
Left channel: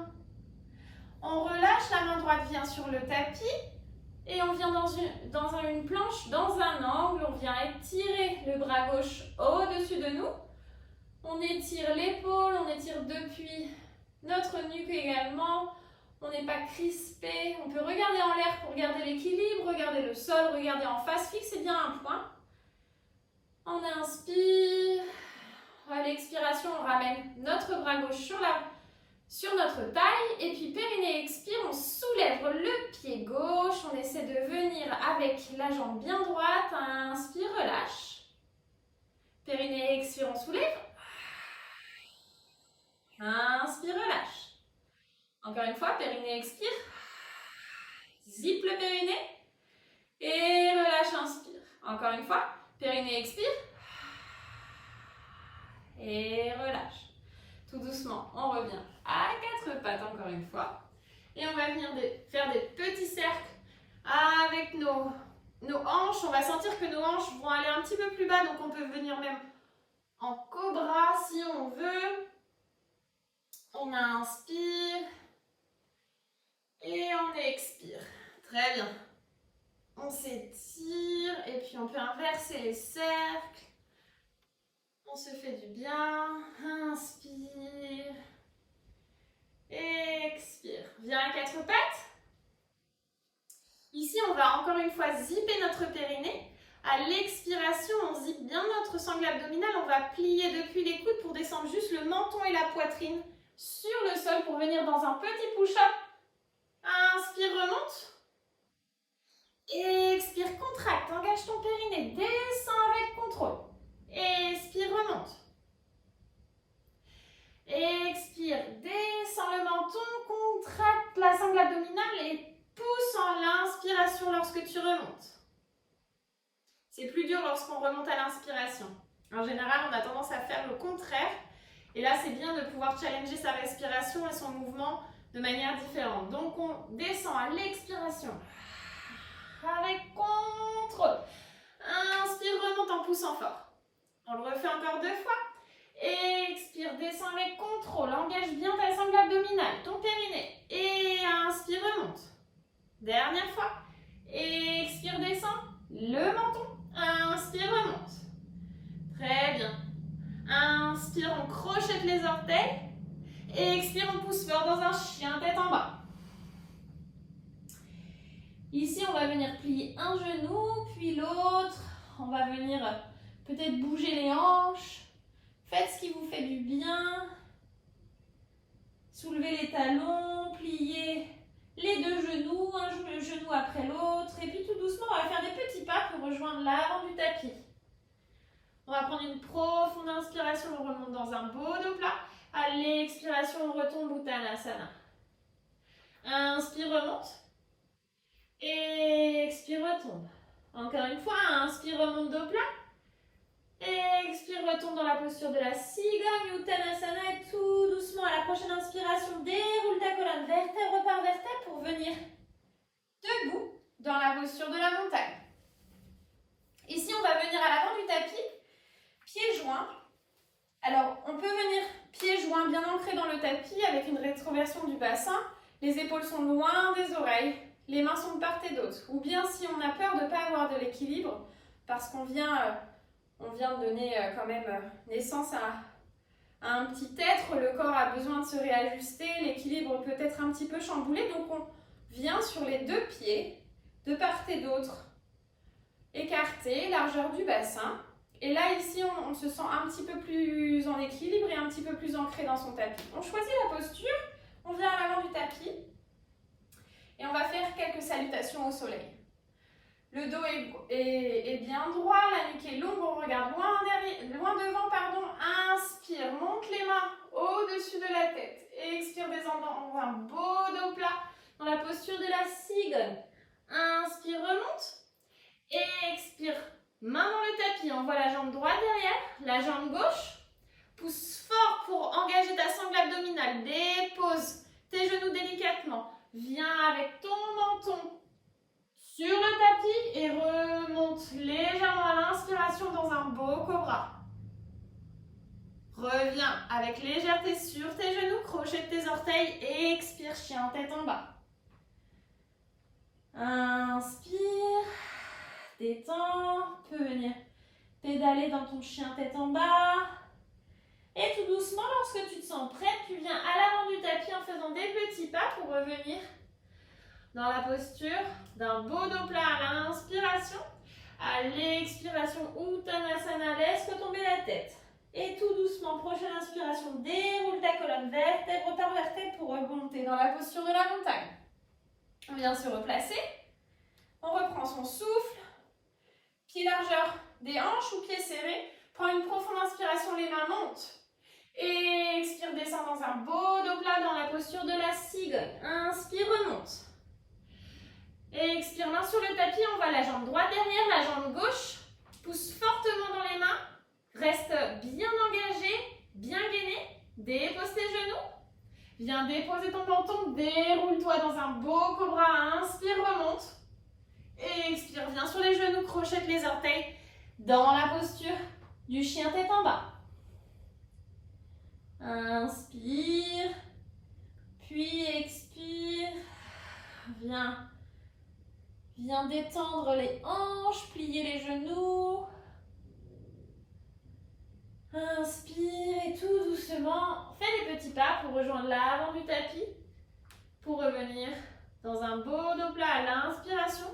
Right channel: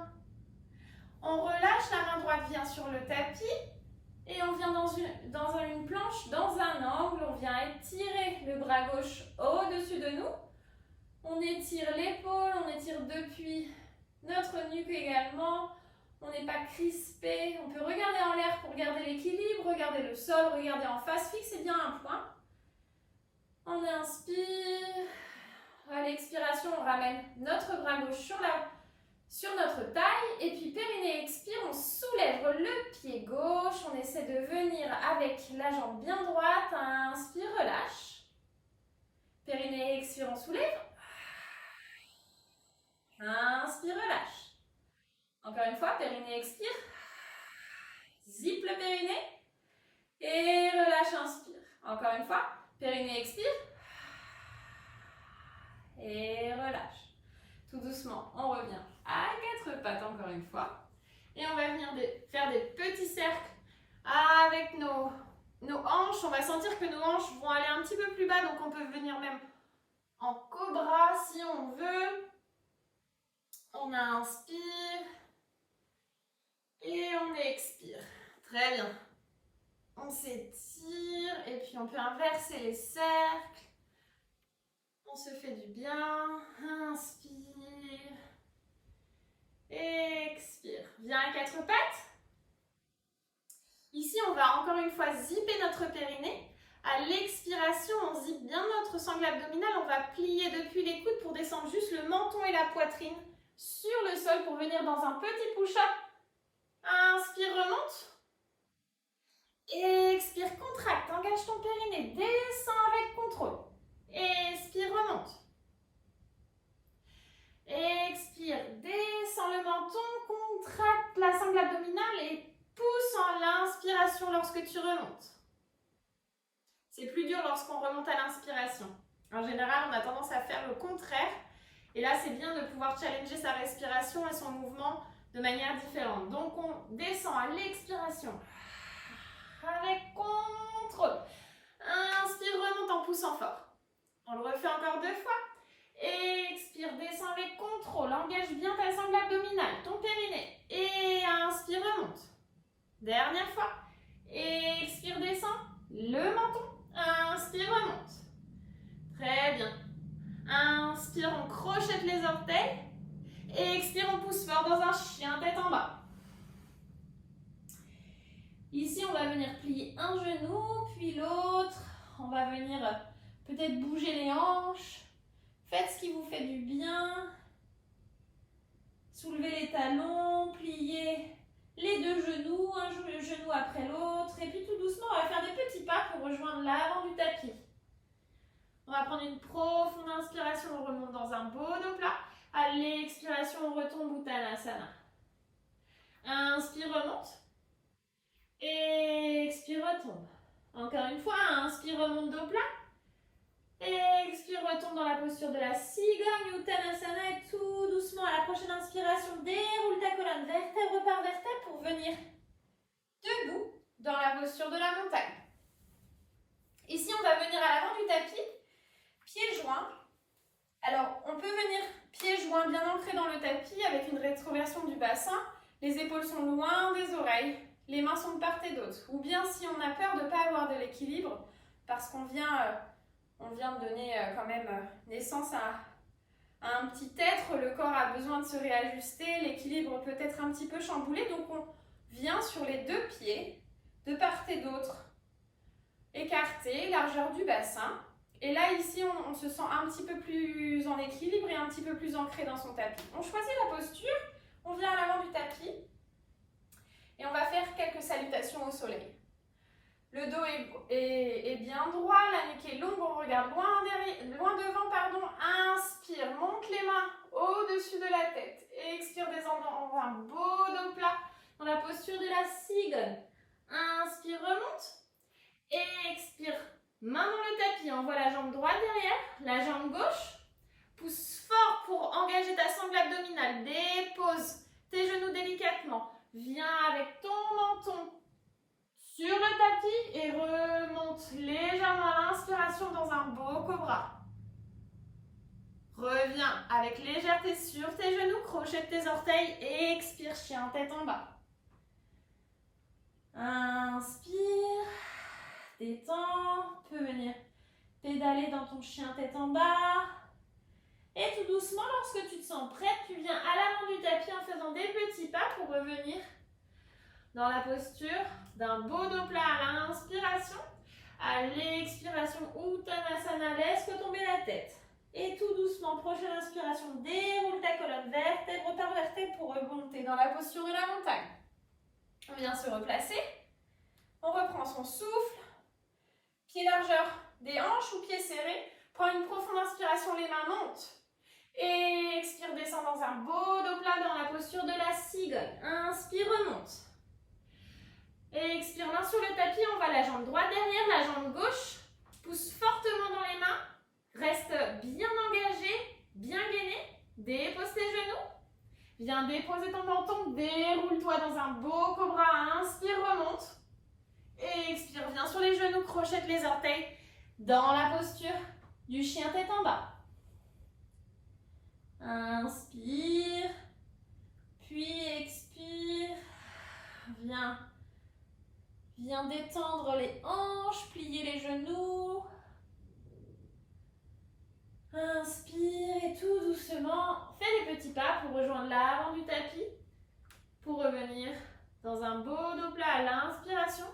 On relâche, la main droite vient sur le tapis. Et on vient dans une planche, dans un angle. On vient étirer le bras gauche au-dessus de nous. On étire l'épaule, on étire depuis notre nuque également. On n'est pas crispé. On peut regarder en l'air pour garder l'équilibre, regarder le sol, regarder en face, fixer bien un point. On inspire. À l'expiration, on ramène notre bras gauche sur notre taille. Et puis périnée expire, on soulève le pied gauche. On essaie de venir avec la jambe bien droite. Inspire, relâche. Périnée, expire, on soulève. Inspire, relâche. Encore une fois, périnée, expire. Zip le périnée. Et relâche, inspire. Encore une fois, périnée, expire. Et relâche. Tout doucement, on revient à quatre pattes encore une fois. Et on va venir faire des petits cercles avec nos hanches. On va sentir que nos hanches vont aller un petit peu plus bas, donc on peut venir même en cobra si on veut. On inspire et on expire. Très bien. On s'étire et puis on peut inverser les cercles. On se fait du bien. Inspire. Expire. Viens à quatre pattes. Ici, on va encore une fois zipper notre périnée. À l'expiration, on zippe bien notre sangle abdominale. On va plier depuis les coudes pour descendre juste le menton et la poitrine sur le sol pour venir dans un petit push-up. Inspire, remonte. Expire, contracte. Engage ton périnée. Descends avec contrôle. Expire, remonte. Expire, descends le menton, contracte la sangle abdominale et pousse en l'inspiration lorsque tu remontes. C'est plus dur lorsqu'on remonte à l'inspiration. En général, on a tendance à faire le contraire. Et là, c'est bien de pouvoir challenger sa respiration et son mouvement de manière différente. Donc, on descend à l'expiration avec contrôle. Inspire, remonte en poussant fort. On le refait encore deux fois. Expire, descends avec contrôle. Engage bien ta sangle abdominale, ton périnée. Et inspire, remonte. Dernière fois. Expire, descends le menton. Inspire, remonte. Très bien. Inspire, on crochette les orteils. Expire, on pousse fort dans un chien tête en bas. Ici, on va venir plier un genou, puis l'autre. On va venir peut-être bouger les hanches. Faites ce qui vous fait du bien. Soulevez les talons, pliez les deux genoux, un genou après l'autre. Et puis tout doucement, on va faire des petits pas pour rejoindre l'avant du tapis. On va prendre une profonde inspiration, on remonte dans un beau dos plat. À l'expiration, on retombe Uttanasana. Inspire, remonte. Expire, retombe. Encore une fois, inspire, remonte, dos plat. Expire, retombe dans la posture de la cigogne, Uttanasana, et tout doucement à la prochaine inspiration, déroule ta colonne vertèbre par vertèbre pour venir debout dans la posture de la montagne. Ici, on va venir à l'avant du tapis, pieds joints. Alors, on peut venir pieds joints bien ancrés dans le tapis avec une rétroversion du bassin. Les épaules sont loin des oreilles, les mains sont de part et d'autre. Ou bien si on a peur de ne pas avoir de l'équilibre, parce qu'on vient de donner quand même naissance à un petit être, le corps a besoin de se réajuster, l'équilibre peut être un petit peu chamboulé, donc on vient sur les deux pieds, de part et d'autre, écarté, largeur du bassin. Et là, ici, on se sent un petit peu plus en équilibre et un petit peu plus ancré dans son tapis. On choisit la posture, on vient à l'avant du tapis et on va faire quelques salutations au soleil. Le dos est bien droit, la nuque est longue, on regarde loin devant, pardon. Inspire, monte les mains au-dessus de la tête. Expire, descend dans un beau dos plat dans la posture de la cigogne. Inspire, remonte. Expire, main dans le tapis, envoie la jambe droite derrière, la jambe gauche. Pousse fort pour engager ta sangle abdominale. Dépose tes genoux délicatement. Viens avec ton menton sur le tapis et remonte légèrement à l'inspiration dans un beau cobra. Reviens avec légèreté sur tes genoux, crochette tes orteils et expire, chien tête en bas. Inspire, détends, tu peux venir pédaler dans ton chien tête en bas. Et tout doucement, lorsque tu te sens prête, tu viens à l'avant du tapis en faisant des petits pas pour revenir dans la posture d'un beau dos plat à l'inspiration. À l'expiration, Uttanasana, laisse tomber la tête. Et tout doucement, prochaine inspiration, déroule ta colonne vertèbre par vertèbre pour remonter dans la posture de la montagne. On vient se replacer. On reprend son souffle. Pied largeur des hanches ou pieds serrés Prends une profonde inspiration, les mains montent. Et expire, descend dans un beau dos plat dans la posture de la cigogne. Inspire, remonte. Et expire, main sur le tapis, on va la jambe droite derrière, la jambe gauche. Pousse fortement dans les mains. Reste bien engagé, bien gainé. Dépose tes genoux. Viens déposer ton menton, déroule-toi dans un beau cobra. Inspire, remonte. Et expire, viens sur les genoux, crochette les orteils dans la posture du chien tête en bas. Inspire, puis expire. Viens détendre les hanches, plier les genoux. Inspire et tout doucement, fais des petits pas pour rejoindre l'avant du tapis. Pour revenir dans un beau dos plat à l'inspiration.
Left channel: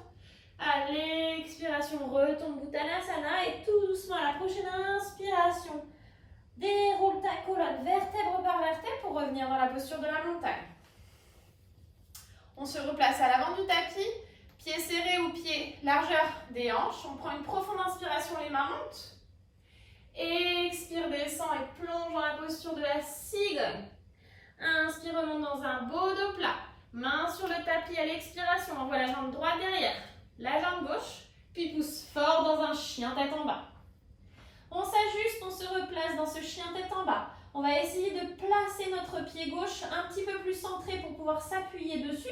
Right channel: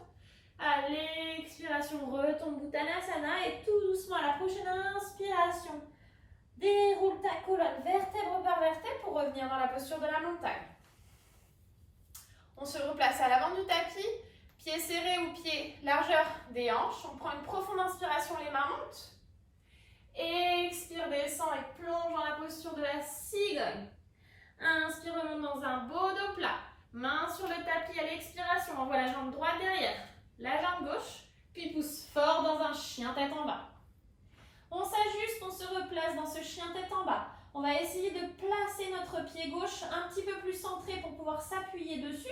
À l'expiration, retombe Uttanasana et tout doucement à la prochaine inspiration. Déroule ta colonne vertèbre par vertèbre pour revenir dans la posture de la montagne. On se replace à l'avant du tapis, pieds serrés ou pieds largeur des hanches. On prend une profonde inspiration, les mains montent. Expire, descend et plonge dans la posture de la cigogne. Inspire, remonte dans un beau dos plat. Main sur le tapis à l'expiration. Envoie la jambe droite derrière, la jambe gauche, puis pousse fort dans un chien tête en bas. On s'ajuste, on se replace dans ce chien tête en bas. On va essayer de placer notre pied gauche un petit peu plus centré pour pouvoir s'appuyer dessus.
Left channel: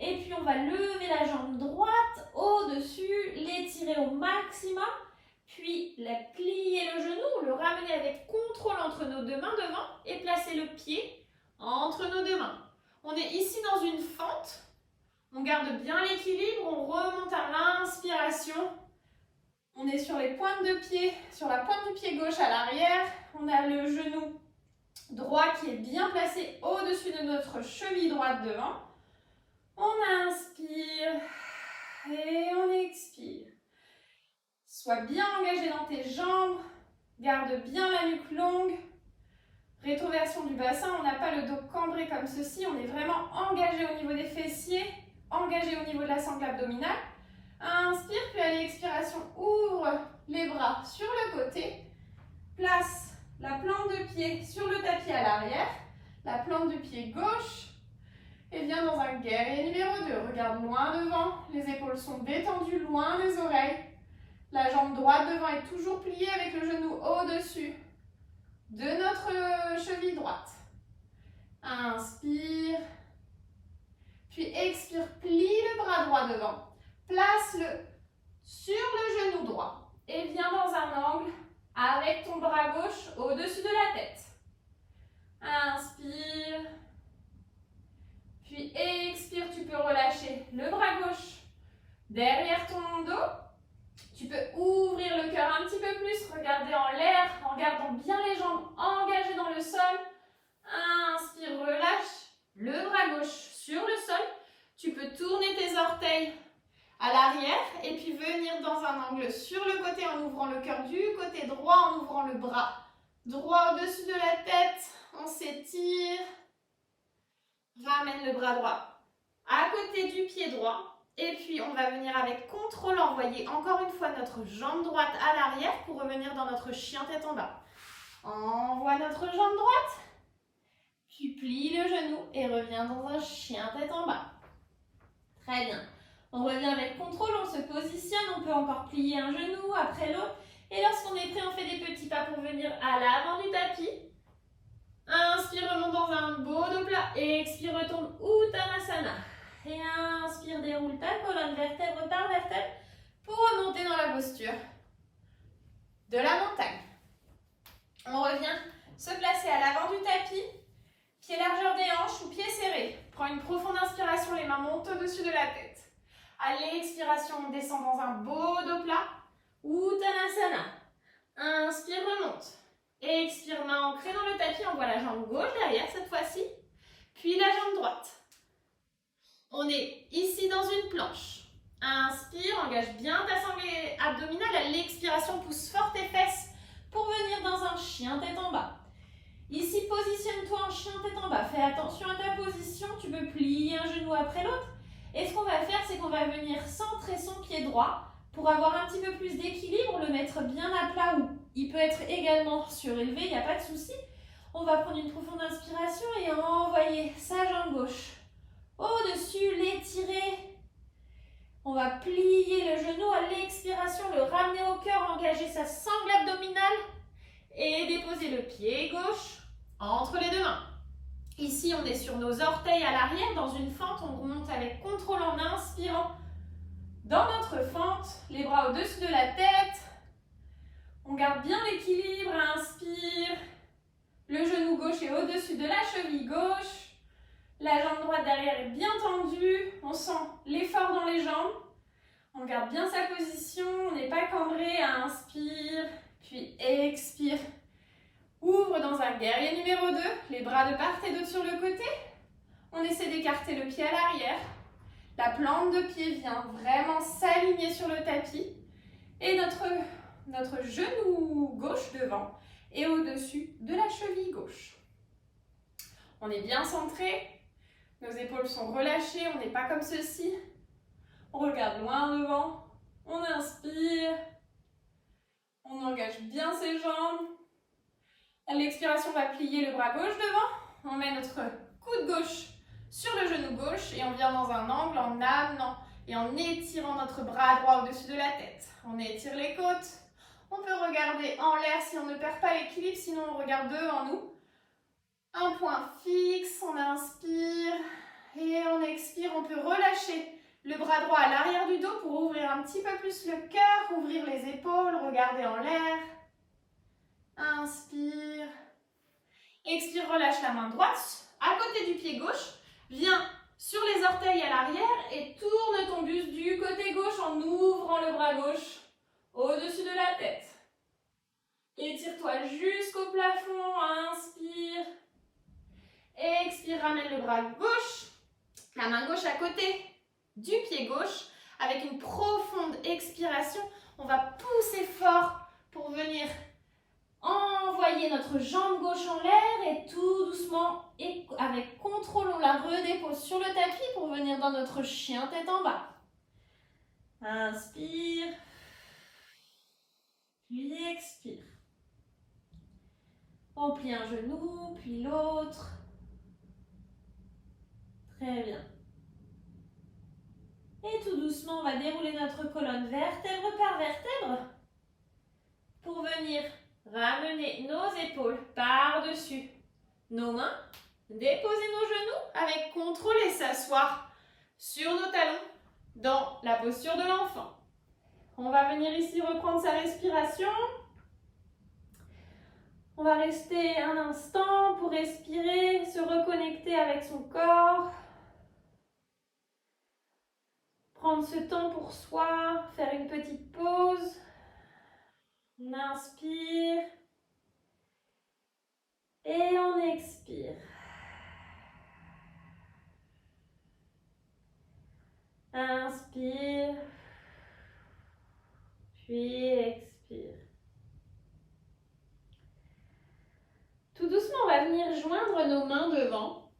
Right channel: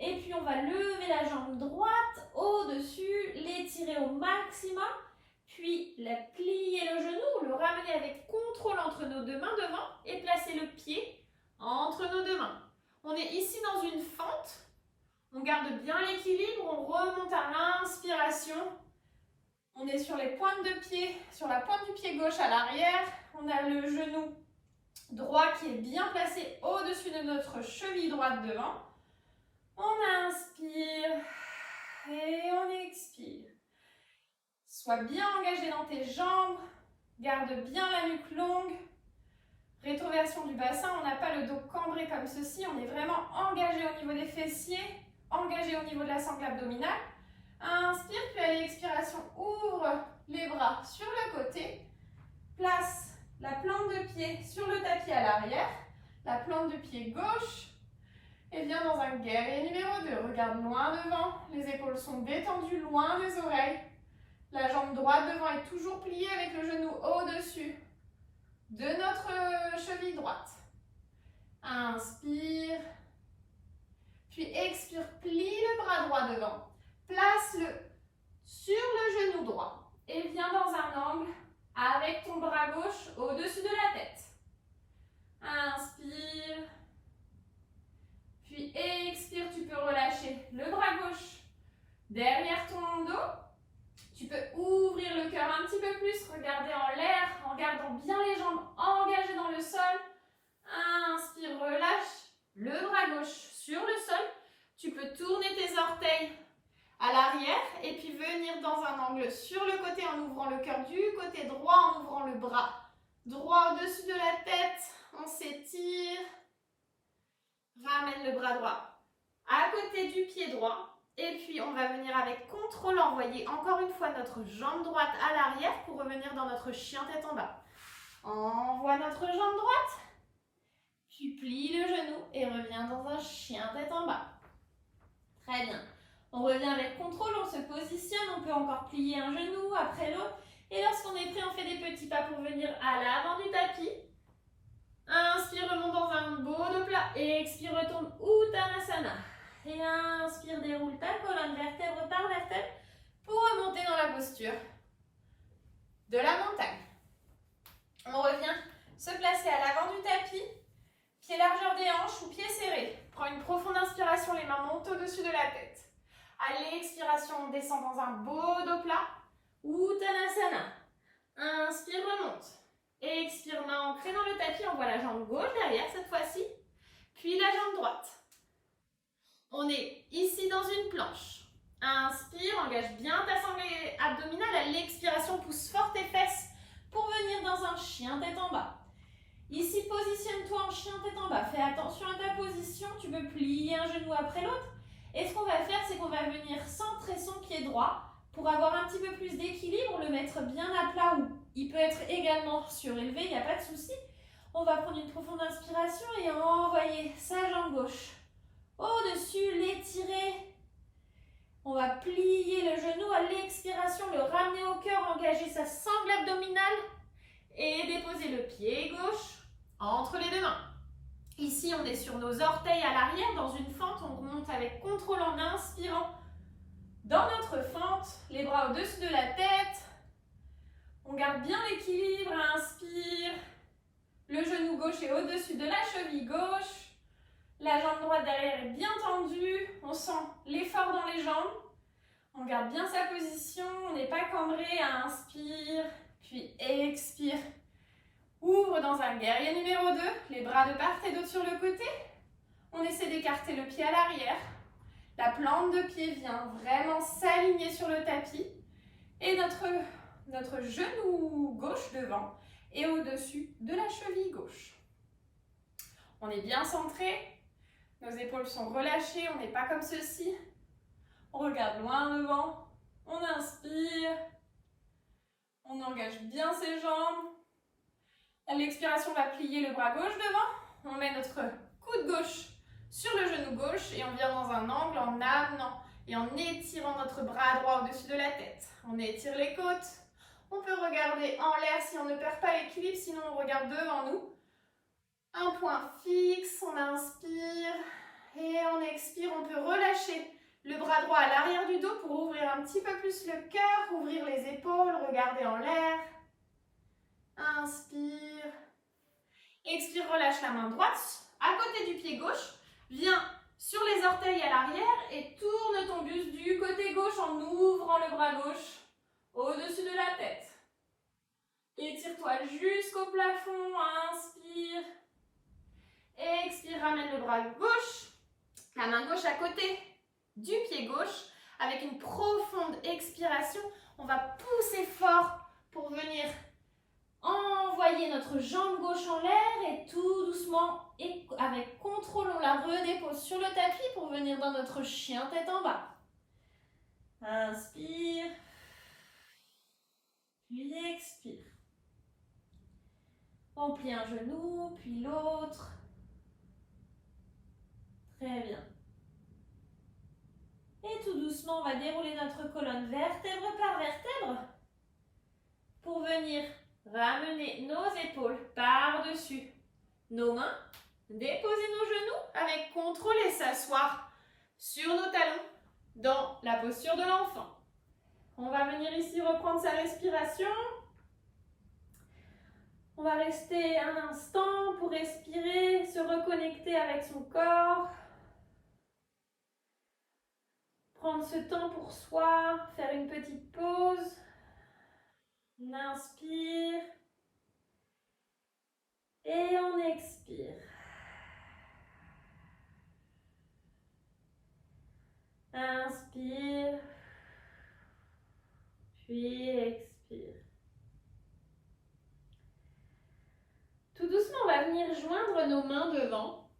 Et puis on va lever la jambe droite au-dessus, l'étirer au maximum. Puis plier le genou, le ramener avec contrôle entre nos deux mains devant et placer le pied entre nos deux mains. On est ici dans une fente. On garde bien l'équilibre, on remonte à l'inspiration. On est sur les pointes de pied, sur la pointe du pied gauche à l'arrière. On a le genou droit qui est bien placé au-dessus de notre cheville droite devant. On inspire et on expire. Sois bien engagé dans tes jambes, garde bien la nuque longue. Rétroversion du bassin, on n'a pas le dos cambré comme ceci, on est vraiment engagé au niveau des fessiers, engagé au niveau de la sangle abdominale. Inspire, puis à l'expiration, ouvre les bras sur le côté. Place la plante de pied sur le tapis à l'arrière, la plante du pied gauche. Et viens dans un guerrier numéro 2. Regarde loin devant, les épaules sont détendues loin des oreilles. La jambe droite devant est toujours pliée avec le genou au-dessus de notre cheville droite. Inspire. Puis expire, plie le bras droit devant. Place-le sur le genou droit. Et viens dans un angle avec ton bras gauche au-dessus de la tête. Inspire. Puis expire, tu peux relâcher le bras gauche derrière ton dos. Tu peux ouvrir le cœur un petit peu plus, regarder en l'air en gardant bien les jambes engagées dans le sol. Inspire, relâche le bras gauche sur le sol. Tu peux tourner tes orteils à l'arrière et puis venir dans un angle sur le côté en ouvrant le cœur du côté droit, en ouvrant le bras droit au-dessus de la tête. On s'étire. Ramène le bras droit à côté du pied droit. Et puis, on va venir avec contrôle envoyer encore une fois notre jambe droite à l'arrière pour revenir dans notre chien tête en bas. Envoie notre jambe droite. Puis, plie le genou et reviens dans un chien tête en bas. Très bien. On revient avec contrôle, on se positionne. On peut encore plier un genou après l'autre. Et lorsqu'on est prêt, on fait des petits pas pour venir à l'avant du tapis. Inspire, remonte dans un beau dos plat. Et expire, retombe Uttanasana. Et inspire, déroule ta colonne vertèbre par vertèbre pour remonter dans la posture de la montagne. On revient se placer à l'avant du tapis, pied largeur des hanches ou pieds serrés. Prends une profonde inspiration, les mains montent au-dessus de la tête. À l'expiration, on descend dans un beau dos plat, Uttanasana. Inspire, remonte. Et expire, main ancrée dans le tapis, on voit la jambe gauche derrière cette fois-ci, puis la jambe droite. On est ici dans une planche. Inspire, engage bien ta sangle abdominale. À l'expiration, pousse fort tes fesses pour venir dans un chien tête en bas. Ici, positionne-toi en chien tête en bas. Fais attention à ta position. Tu peux plier un genou après l'autre. Et ce qu'on va faire, c'est qu'on va venir centrer son pied droit Pour avoir un petit peu plus d'équilibre, le mettre bien à plat ou il peut être également surélevé, il n'y a pas de souci. On va prendre une profonde inspiration et envoyer sa jambe gauche au-dessus, l'étirer. On va plier le genou à l'expiration, le ramener au cœur, engager sa sangle abdominale et déposer le pied gauche entre les deux mains. Ici, on est sur nos orteils à l'arrière, dans une fente. On remonte avec contrôle en inspirant. Dans notre fente, les bras au-dessus de la tête. On garde bien l'équilibre, inspire. Le genou gauche est au-dessus de la cheville gauche. La jambe droite derrière est bien tendue. On sent l'effort dans les jambes. On garde bien sa position. On n'est pas cambré. Inspire, puis expire. Ouvre dans un guerrier numéro 2. Les bras de part et d'autre sur le côté. On essaie d'écarter le pied à l'arrière. La plante de pied vient vraiment s'aligner sur le tapis. Et notre genou gauche devant est au-dessus de la cheville gauche. On est bien centré. Nos épaules sont relâchées. On n'est pas comme ceci. On regarde loin devant. On inspire. On engage bien ses jambes. À l'expiration, on va plier le bras gauche devant. On met notre coude gauche sur le genou gauche et on vient dans un angle en amenant et en étirant notre bras droit au-dessus de la tête. On étire les côtes. On peut regarder en l'air si on ne perd pas l'équilibre, sinon on regarde devant nous. Un point fixe, on inspire et on expire. On peut relâcher le bras droit à l'arrière du dos pour ouvrir un petit peu plus le cœur, ouvrir les épaules, regarder en l'air. Inspire. Expire, relâche la main droite à côté du pied gauche. Viens sur les orteils à l'arrière et tourne ton buste du côté gauche en ouvrant le bras gauche au-dessus de la tête. Étire-toi jusqu'au plafond. Inspire. Expire, ramène le bras gauche, la main gauche à côté du pied gauche. Avec une profonde expiration, on va pousser fort pour venir envoyer notre jambe gauche en l'air et tout doucement et avec contrôle, on la redépose sur le tapis pour venir dans notre chien tête en bas. Inspire, puis expire. On plie un genou, puis l'autre. Très bien. Et tout doucement, on va dérouler notre colonne vertèbre par vertèbre pour venir ramener nos épaules par-dessus nos mains, déposer nos genoux avec contrôle et s'asseoir sur nos talons dans la posture de l'enfant. On va venir ici reprendre sa respiration. On va rester un instant pour respirer, se reconnecter avec son corps. Prendre ce temps pour soi, faire une petite pause. On inspire et on expire. Inspire, puis expire. Tout doucement, on va venir joindre nos mains devant.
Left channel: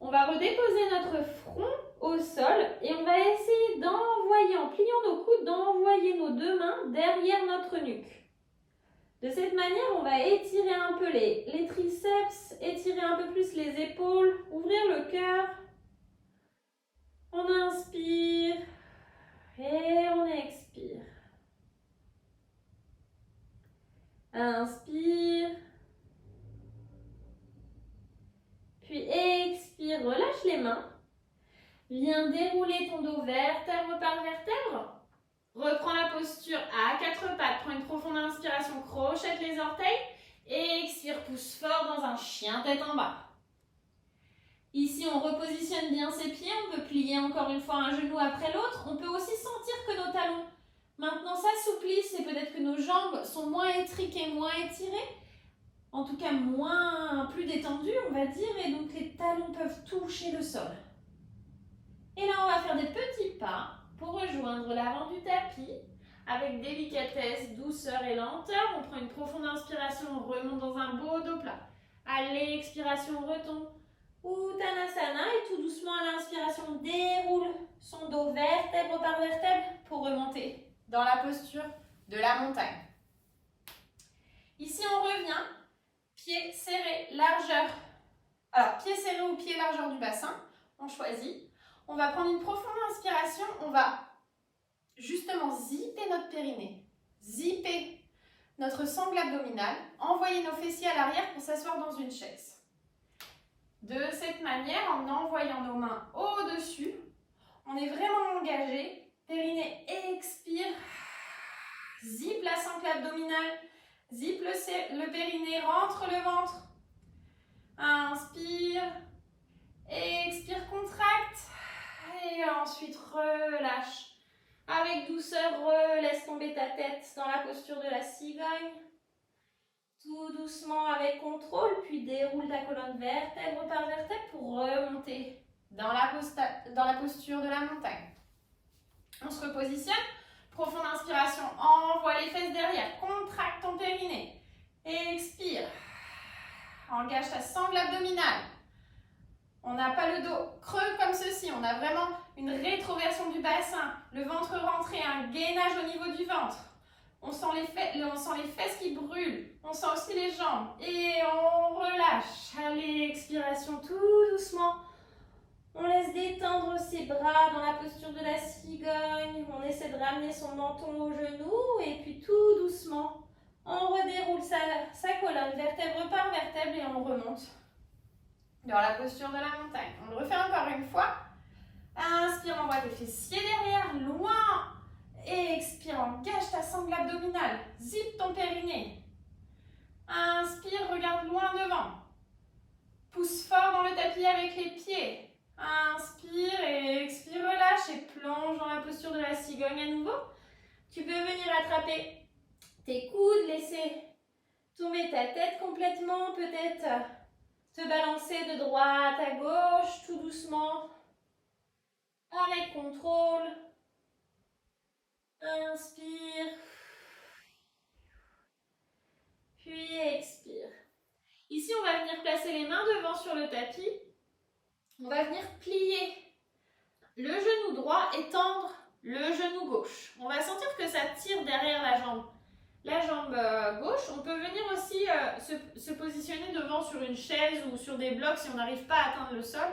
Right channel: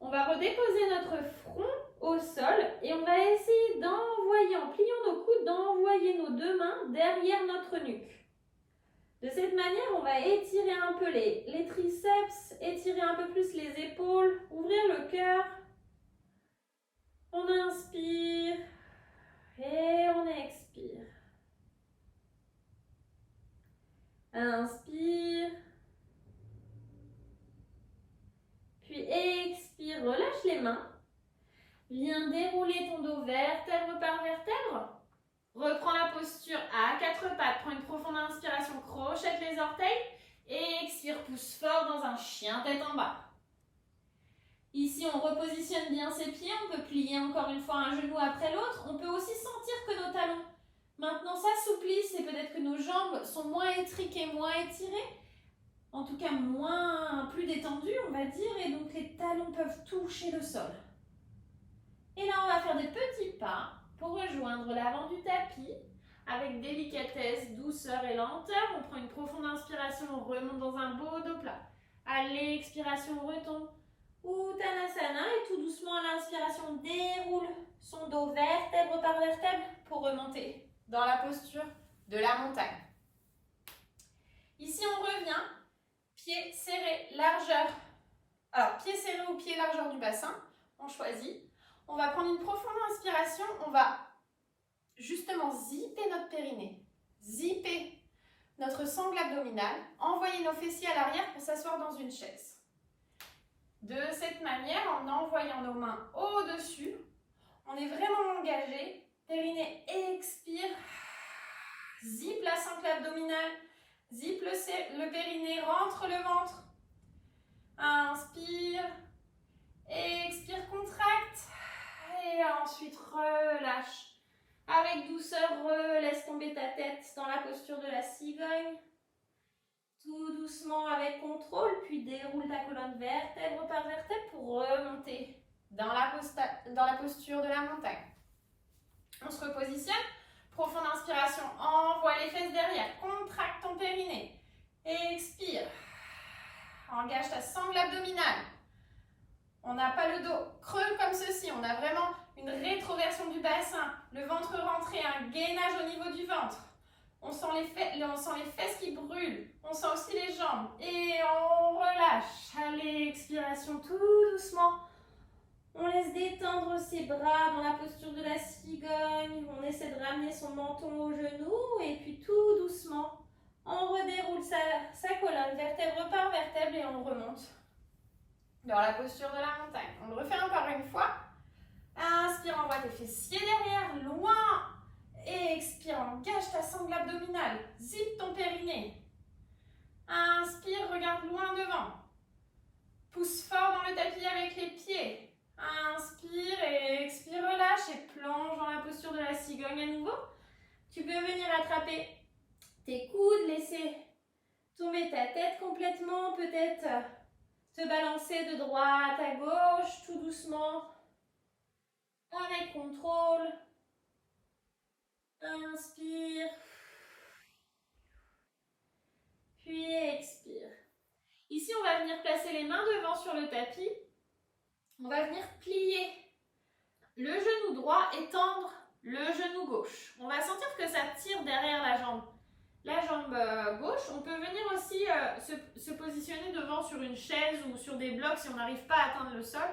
On va redéposer notre front au sol et on va essayer d'envoyer, en pliant nos coudes, d'envoyer nos deux mains derrière notre nuque. De cette manière, on va étirer un peu les triceps, étirer un peu plus les épaules, ouvrir le cœur. On inspire et on expire. Inspire. Puis expire, relâche les mains. Viens dérouler ton dos vertèbre par vertèbre. Reprends la posture à quatre pattes. Prends une profonde inspiration, crochette les orteils. Et expire, pousse fort dans un chien tête en bas. Ici, on repositionne bien ses pieds. On peut plier encore une fois un genou après l'autre. On peut aussi sentir que nos talons maintenant s'assouplissent et peut-être que nos jambes sont moins étriquées, moins étirées. En tout cas, plus détendues, on va dire. Et donc, les talons peuvent toucher le sol. Et là, on va faire des petits pas pour rejoindre l'avant du tapis avec délicatesse, douceur et lenteur. On prend une profonde inspiration, on remonte dans un beau dos plat. À l'expiration, on retombe. Uttanasana et tout doucement à l'inspiration, on déroule son dos vertèbre par vertèbre pour remonter dans la posture de la montagne. Ici, on revient, pieds serrés, largeur. Alors, pieds serrés ou pieds largeur du bassin, on choisit. On va prendre une profonde inspiration, on va justement zipper notre périnée, zipper notre sangle abdominale, envoyer nos fessiers à l'arrière pour s'asseoir dans une chaise. De cette manière, en envoyant nos mains au-dessus, on est vraiment engagé. Périnée, expire. Zip la sangle abdominale. Zip le périnée, rentre le ventre. Inspire. Expire, contracte. Et ensuite, relâche. Avec douceur, laisse tomber ta tête dans la posture de la cigogne. Tout doucement avec contrôle, puis déroule ta colonne vertèbre par vertèbre pour remonter dans la posture de la montagne. On se repositionne. Profonde inspiration, envoie les fesses derrière, contracte ton périnée. Expire. Engage ta sangle abdominale. On n'a pas le dos creux comme ceci, on a vraiment une rétroversion du bassin, le ventre rentré, un gainage au niveau du ventre. On sent les fesses qui brûlent, on sent aussi les jambes et on relâche. Allez, expiration tout doucement. On laisse détendre ses bras dans la posture de la cigogne. On essaie de ramener son menton au genou et puis tout doucement, on redéroule sa colonne vertèbre par vertèbre et on remonte dans la posture de la montagne. On le refait encore une fois. Inspire, envoie tes fessiers derrière, loin. Et expire, engage ta sangle abdominale. Zip ton périnée. Inspire, regarde loin devant. Pousse fort dans le tapis avec les pieds. Inspire et expire, relâche et plonge dans la posture de la cigogne à nouveau. Tu peux venir attraper tes coudes, laisser tomber ta tête complètement, peut-être te balancer de droite à gauche, tout doucement, avec contrôle. Inspire, puis expire. Ici, on va venir placer les mains devant sur le tapis. On va venir plier le genou droit et tendre le genou gauche. On va sentir que ça tire derrière la jambe. La jambe gauche, on peut venir aussi se positionner devant sur une chaise ou sur des blocs si on n'arrive pas à atteindre le sol.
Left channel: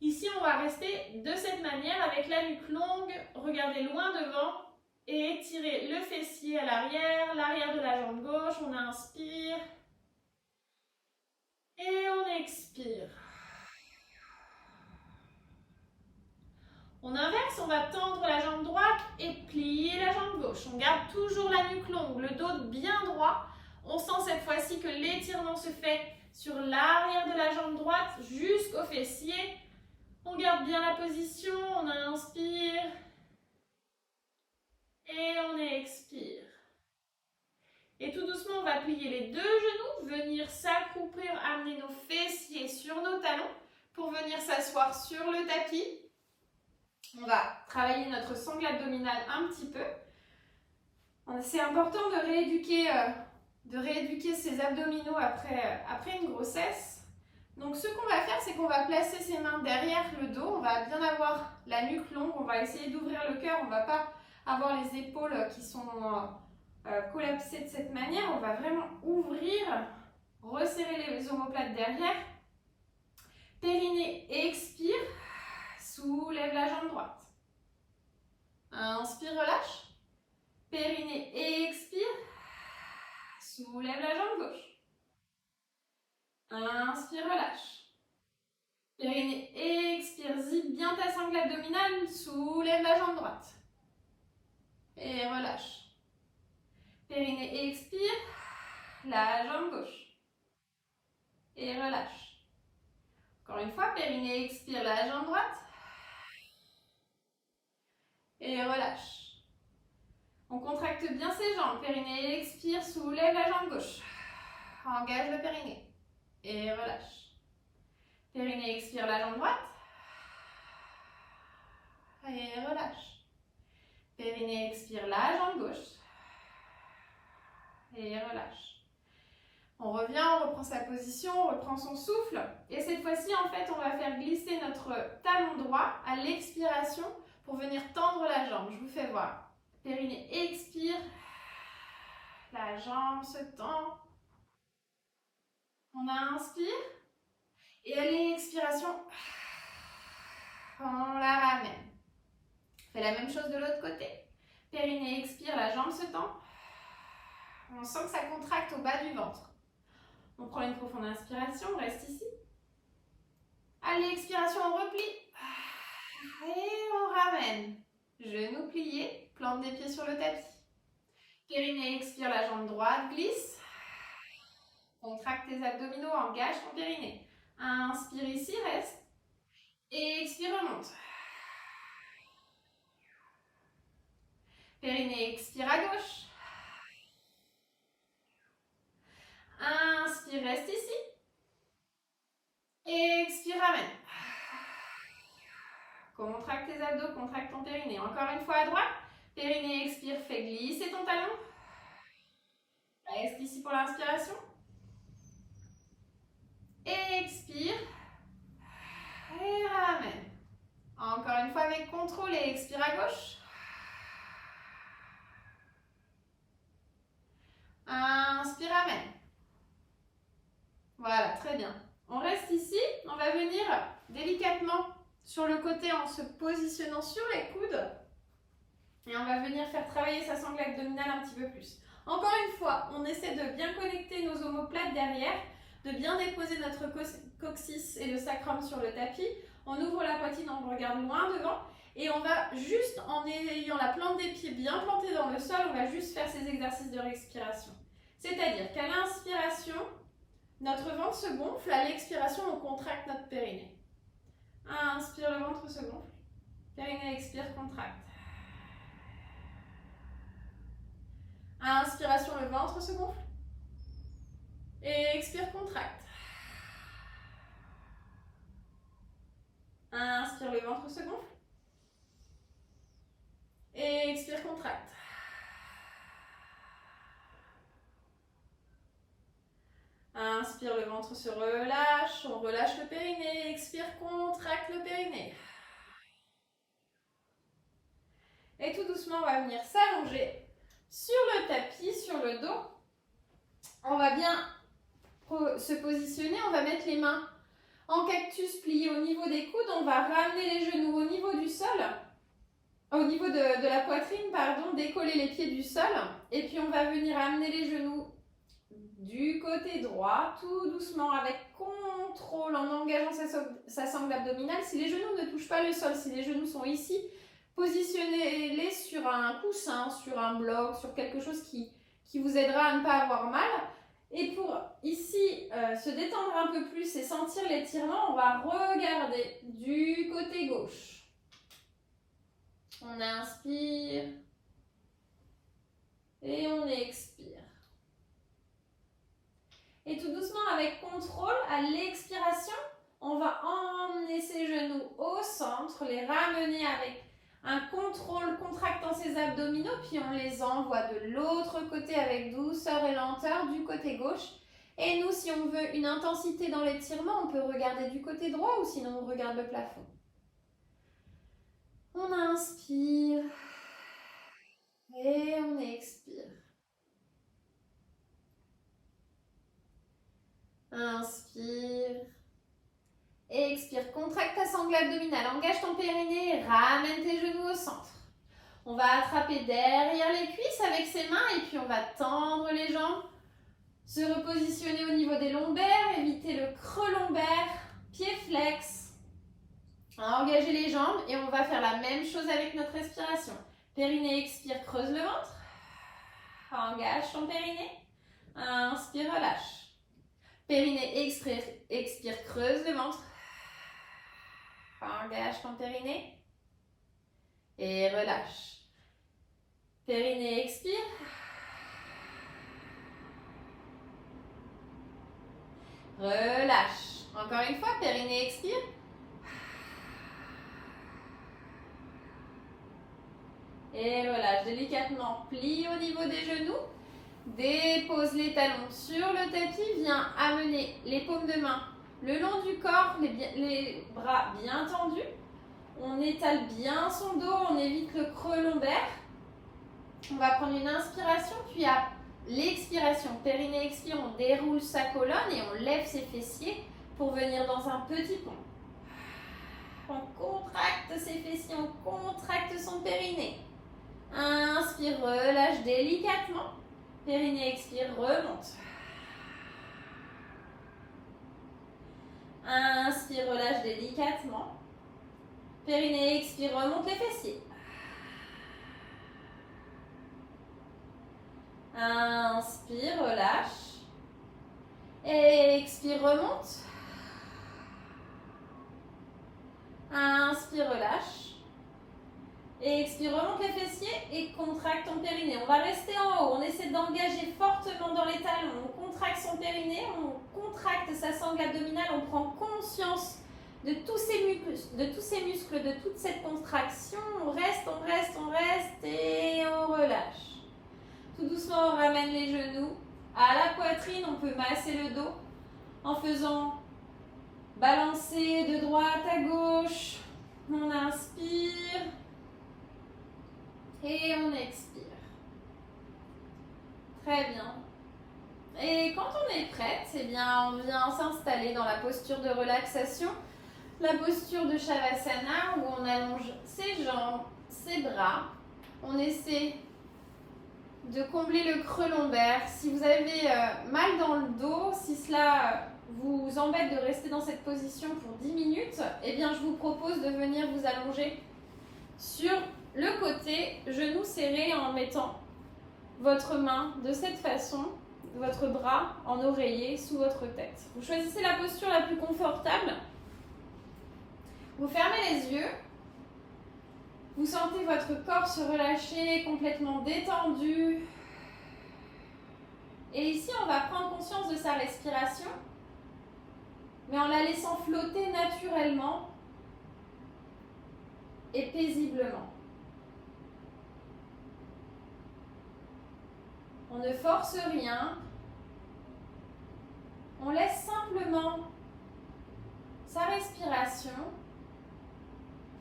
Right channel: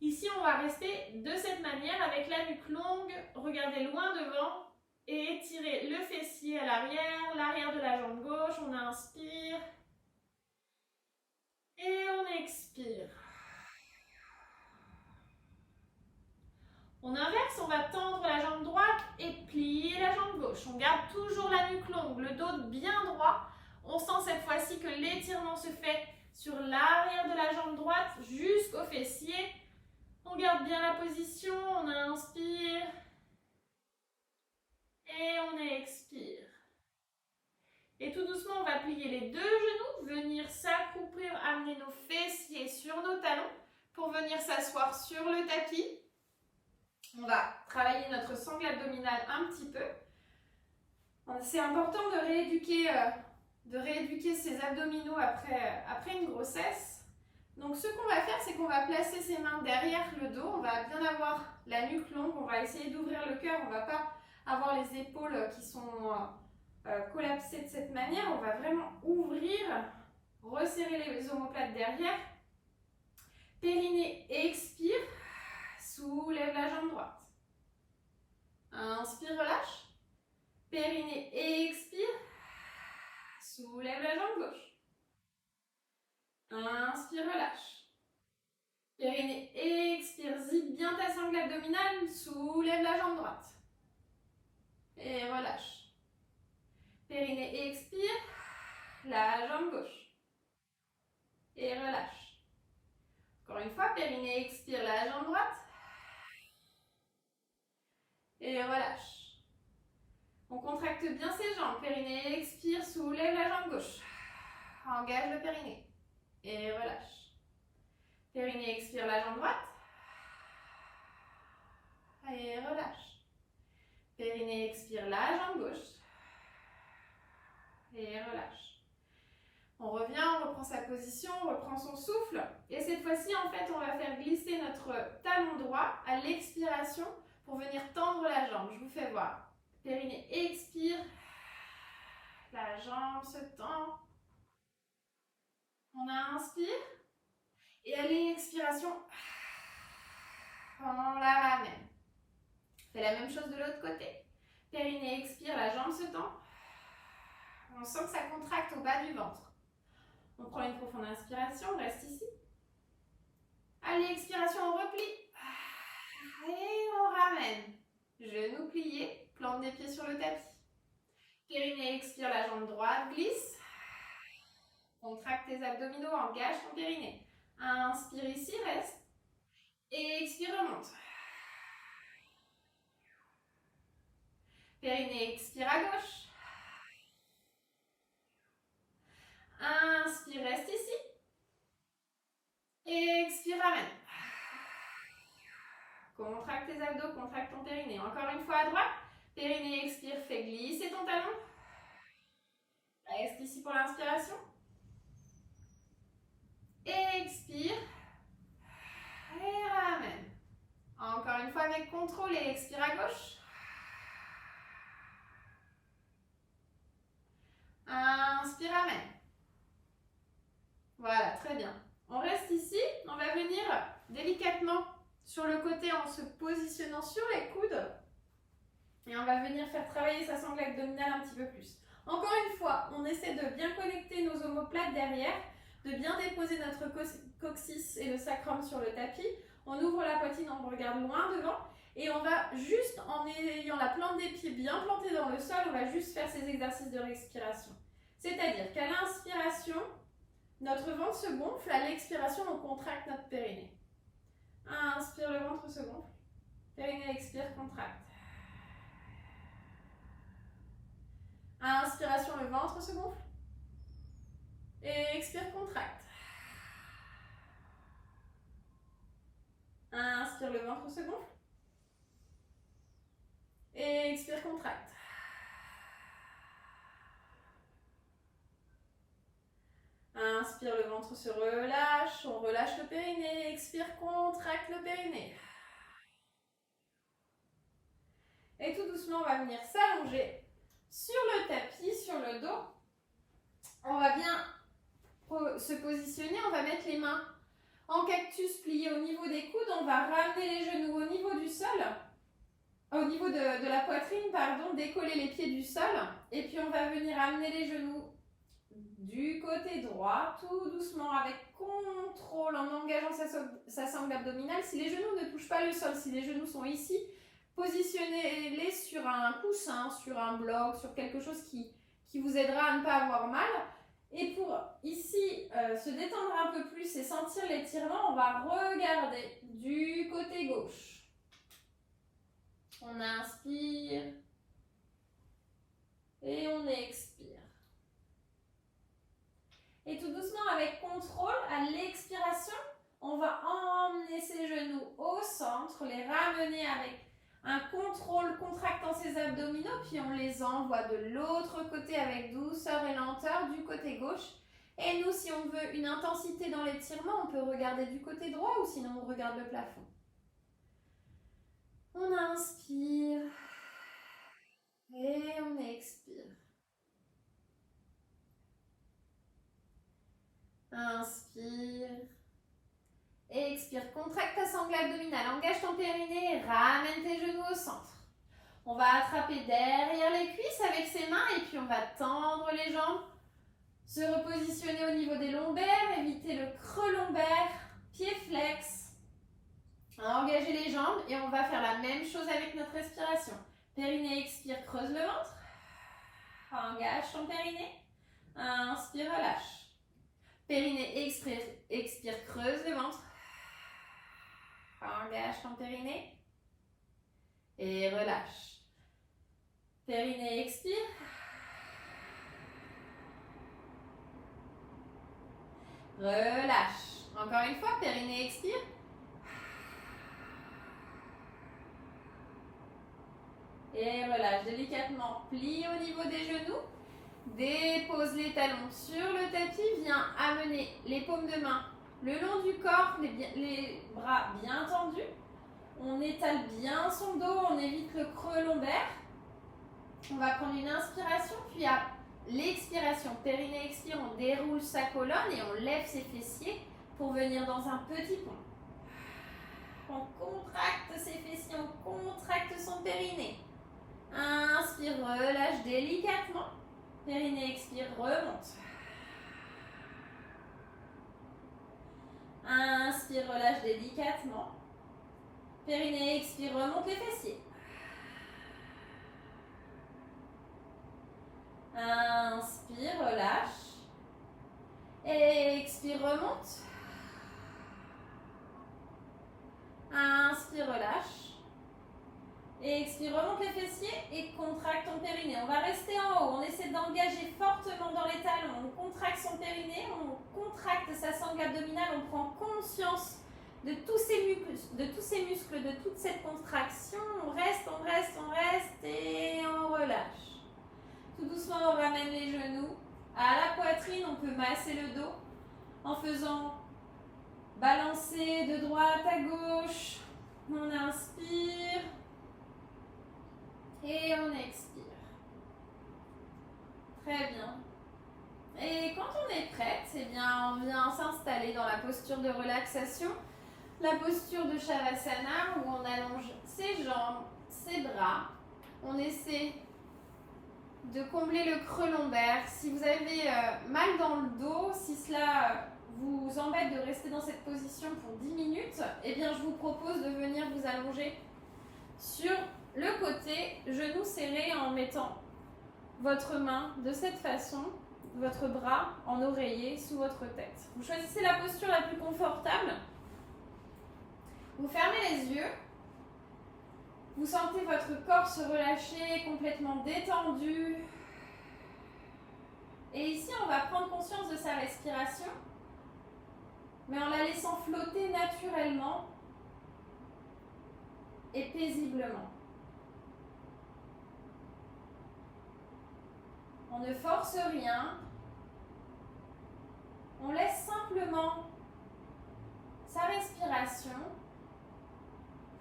Ici, on va rester de cette manière avec la nuque longue, regarder loin devant et étirer le fessier à l'arrière de la jambe gauche. On inspire et on expire. On inverse, on va tendre la jambe droite et plier la jambe gauche. On garde toujours la nuque longue, le dos bien droit. On sent cette fois-ci que l'étirement se fait sur l'arrière de la jambe droite jusqu'au fessier. On garde bien la position, on inspire et on expire. Et tout doucement, on va plier les deux genoux, venir s'accroupir, amener nos fessiers sur nos talons pour venir s'asseoir sur le tapis. On va travailler notre sangle abdominale un petit peu. C'est important de rééduquer ses abdominaux après une grossesse. Donc ce qu'on va faire, c'est qu'on va placer ses mains derrière le dos. On va bien avoir la nuque longue. On va essayer d'ouvrir le cœur. On ne va pas avoir les épaules qui sont collapsées de cette manière. On va vraiment ouvrir, resserrer les omoplates derrière. Périnée, expire. Soulève la jambe droite. Inspire, relâche. Périnée, expire. Soulève la jambe gauche. Inspire, relâche. Périnée, expire. Zip bien ta sangle abdominale. Soulève la jambe droite. Et relâche. Périnée, expire. La jambe gauche. Et relâche. Encore une fois, périnée, expire la jambe droite. Et relâche. On contracte bien ses jambes. Périnée, expire, soulève la jambe gauche. Engage le périnée. Et relâche. Périnée, expire la jambe droite. Et relâche. Périnée, expire la jambe gauche. Et relâche. On revient, on reprend sa position, on reprend son souffle. Et cette fois-ci, en fait, on va faire glisser notre talon droit à l'expiration pour venir tendre la jambe. Je vous fais voir. Périnée expire. La jambe se tend. On inspire. Et à l'expiration, on la ramène. Fais la même chose de l'autre côté. Périnée expire, la jambe se tend. On sent que ça contracte au bas du ventre. On prend une profonde inspiration, on reste ici. À l'expiration, on replie. Et on ramène. Genoux pliés, plante des pieds sur le tapis. Périnée expire, la jambe droite glisse. Contracte tes abdominaux, engage ton périnée. Inspire ici, reste. Et expire, remonte. Périnée expire à gauche. Inspire, reste ici. Expire, ramène. Contracte tes abdos, contracte ton périnée. Encore une fois à droite. Périnée expire, fais glisser ton talon. Reste ici pour l'inspiration. Expire. Et ramène. Encore une fois avec contrôle et expire à gauche. Inspire, ramène. Voilà, très bien. On reste ici. On va venir délicatement sur le côté en se positionnant sur les coudes. Et on va venir faire travailler sa sangle abdominale un petit peu plus. Encore une fois, on essaie de bien connecter nos omoplates derrière, de bien déposer notre coccyx et le sacrum sur le tapis. On ouvre la poitrine, on regarde loin devant. Et on va juste, en ayant la plante des pieds bien plantée dans le sol, on va juste faire ces exercices de respiration. C'est-à-dire qu'à l'inspiration, notre ventre se gonfle, à l'expiration, on contracte notre périnée. Inspire, le ventre se gonfle. Périnée, expire, contracte. Inspiration, le ventre se gonfle. Et expire, contracte. Inspire, le ventre se gonfle. Et expire, contracte. Inspire, le ventre se relâche. On relâche le périnée. Expire, contracte le périnée. Et tout doucement, on va venir s'allonger sur le tapis, sur le dos. On va bien se positionner. On va mettre les mains en cactus pliés au niveau des coudes. On va ramener les genoux au niveau du sol. Au niveau de la poitrine, pardon, décoller les pieds du sol. Et puis on va venir amener les genoux du côté droit, tout doucement, avec contrôle, en engageant sa sangle abdominale. Si les genoux ne touchent pas le sol, si les genoux sont ici, positionnez-les sur un coussin, sur un bloc, sur quelque chose qui vous aidera à ne pas avoir mal. Et pour ici se détendre un peu plus et sentir l'étirement, on va regarder du côté gauche. On inspire et on expire. Et tout doucement, avec contrôle, à l'expiration, on va emmener ses genoux au centre, les ramener avec un contrôle contractant ses abdominaux, puis on les envoie de l'autre côté avec douceur et lenteur du côté gauche. Et nous, si on veut une intensité dans l'étirement, on peut regarder du côté droit ou sinon on regarde le plafond. On inspire et on expire. Inspire. Expire. Contracte ta sangle abdominale. Engage ton périnée et ramène tes genoux au centre. On va attraper derrière les cuisses avec ses mains et puis on va tendre les jambes. Se repositionner au niveau des lombaires. Éviter le creux lombaire. Pieds flex. Engager les jambes et on va faire la même chose avec notre respiration. Périnée, expire, creuse le ventre. Engage ton périnée. Inspire, relâche. Périnée, expire, creuse le ventre. Engage ton périnée. Et relâche. Périnée, expire. Relâche. Encore une fois, périnée, expire. Et relâche délicatement. Plie au niveau des genoux. Dépose les talons sur le tapis. Viens amener les paumes de main le long du corps, les bras bien tendus. On étale bien son dos, on évite le creux lombaire. On va prendre une inspiration, puis à l'expiration, périnée expire, on déroule sa colonne et on lève ses fessiers pour venir dans un petit pont. On contracte ses fessiers, on contracte son périnée. Inspire, relâche délicatement. Périnée expire, remonte. Inspire, relâche délicatement. Périnée expire, remonte les fessiers. Inspire, relâche. Expire, remonte. Inspire, relâche. Expire, remonte les fessiers et contracte ton périnée. On va rester en haut. On essaie d'engager fortement dans les talons. On contracte son périnée, on contracte sa sangle abdominale. On prend conscience de tous ces muscles, de toute cette contraction. On reste et on relâche. Tout doucement, on ramène les genoux à la poitrine. On peut masser le dos en faisant balancer de droite à gauche. On inspire et on expire. Très bien. Et quand on est prête, eh bien, on vient s'installer dans la posture de relaxation, la posture de Shavasana où on allonge ses jambes, ses bras. On essaie de combler le creux lombaire. Si vous avez mal dans le dos, si cela vous embête de rester dans cette position pour 10 minutes, eh bien, je vous propose de venir vous allonger sur le côté, genou serré en mettant votre main de cette façon, votre bras en oreiller sous votre tête. Vous choisissez la posture la plus confortable. Vous fermez les yeux. Vous sentez votre corps se relâcher, complètement détendu. Et ici, on va prendre conscience de sa respiration, mais en la laissant flotter naturellement et paisiblement. On ne force rien. On laisse simplement sa respiration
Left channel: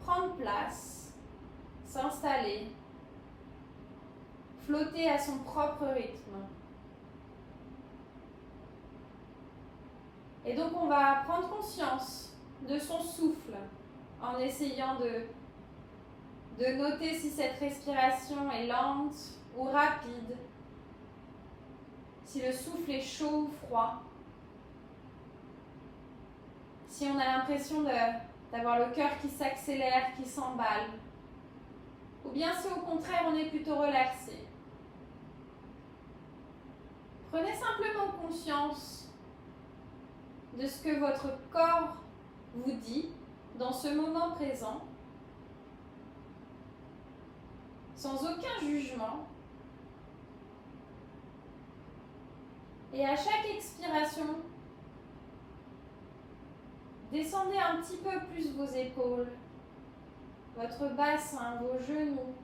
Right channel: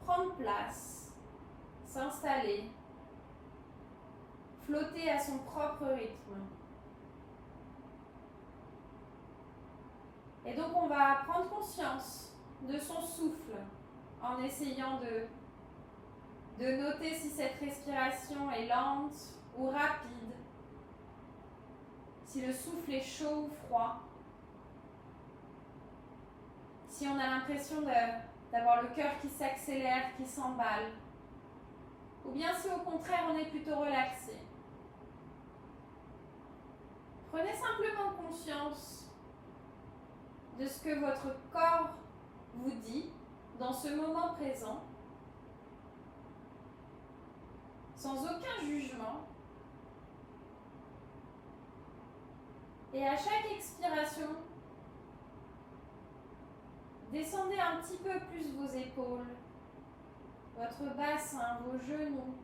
prendre place, s'installer, flotter à son propre rythme. Et donc on va prendre conscience de son souffle en essayant de noter si cette respiration est lente ou rapide, si le souffle est chaud ou froid, si on a l'impression d'avoir le cœur qui s'accélère, qui s'emballe, ou bien si au contraire on est plutôt relaxé. Prenez simplement conscience de ce que votre corps vous dit dans ce moment présent, sans aucun jugement. Et à chaque expiration, descendez un petit peu plus vos épaules, votre bassin, vos genoux.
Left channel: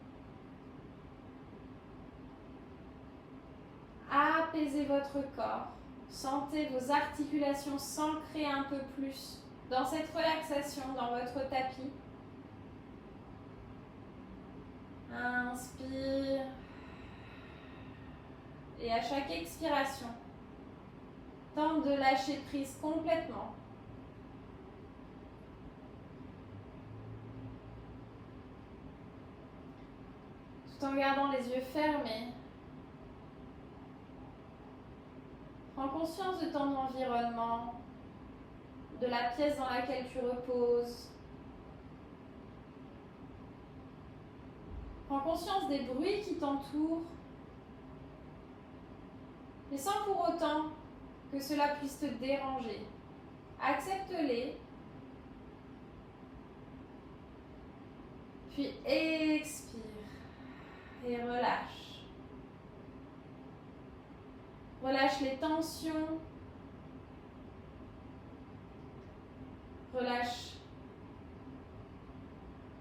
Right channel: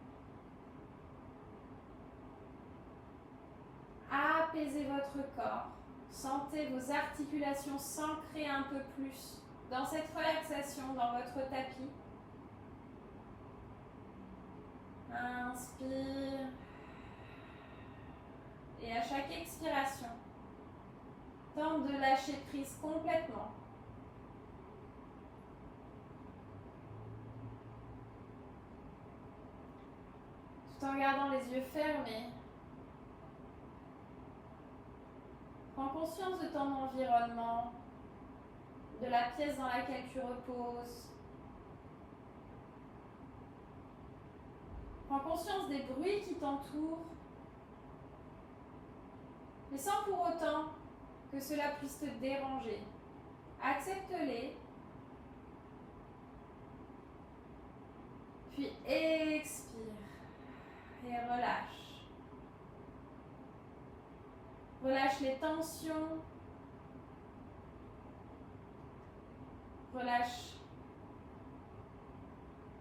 Apaisez votre corps. Sentez vos articulations s'ancrer un peu plus dans cette relaxation, dans votre tapis. Inspire. Et à chaque expiration, tente de lâcher prise complètement. Tout en gardant les yeux fermés. Prends conscience de ton environnement, de la pièce dans laquelle tu reposes. Prends conscience des bruits qui t'entourent, mais sans pour autant que cela puisse te déranger. Accepte-les, puis expire et relâche. Relâche les tensions, relâche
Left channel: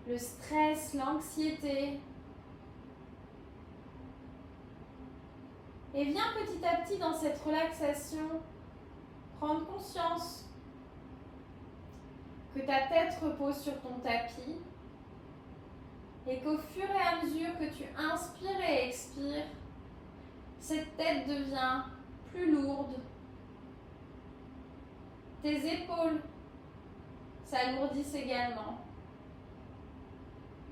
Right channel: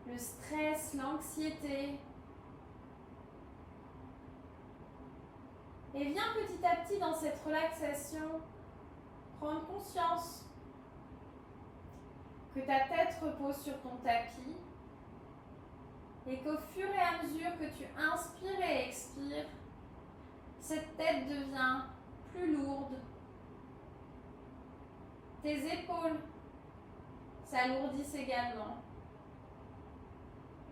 le stress, l'anxiété. Et viens petit à petit dans cette relaxation prendre conscience que ta tête repose sur ton tapis Et qu'au fur et à mesure que tu inspires et expires, cette tête devient plus lourde. Tes épaules s'alourdissent également.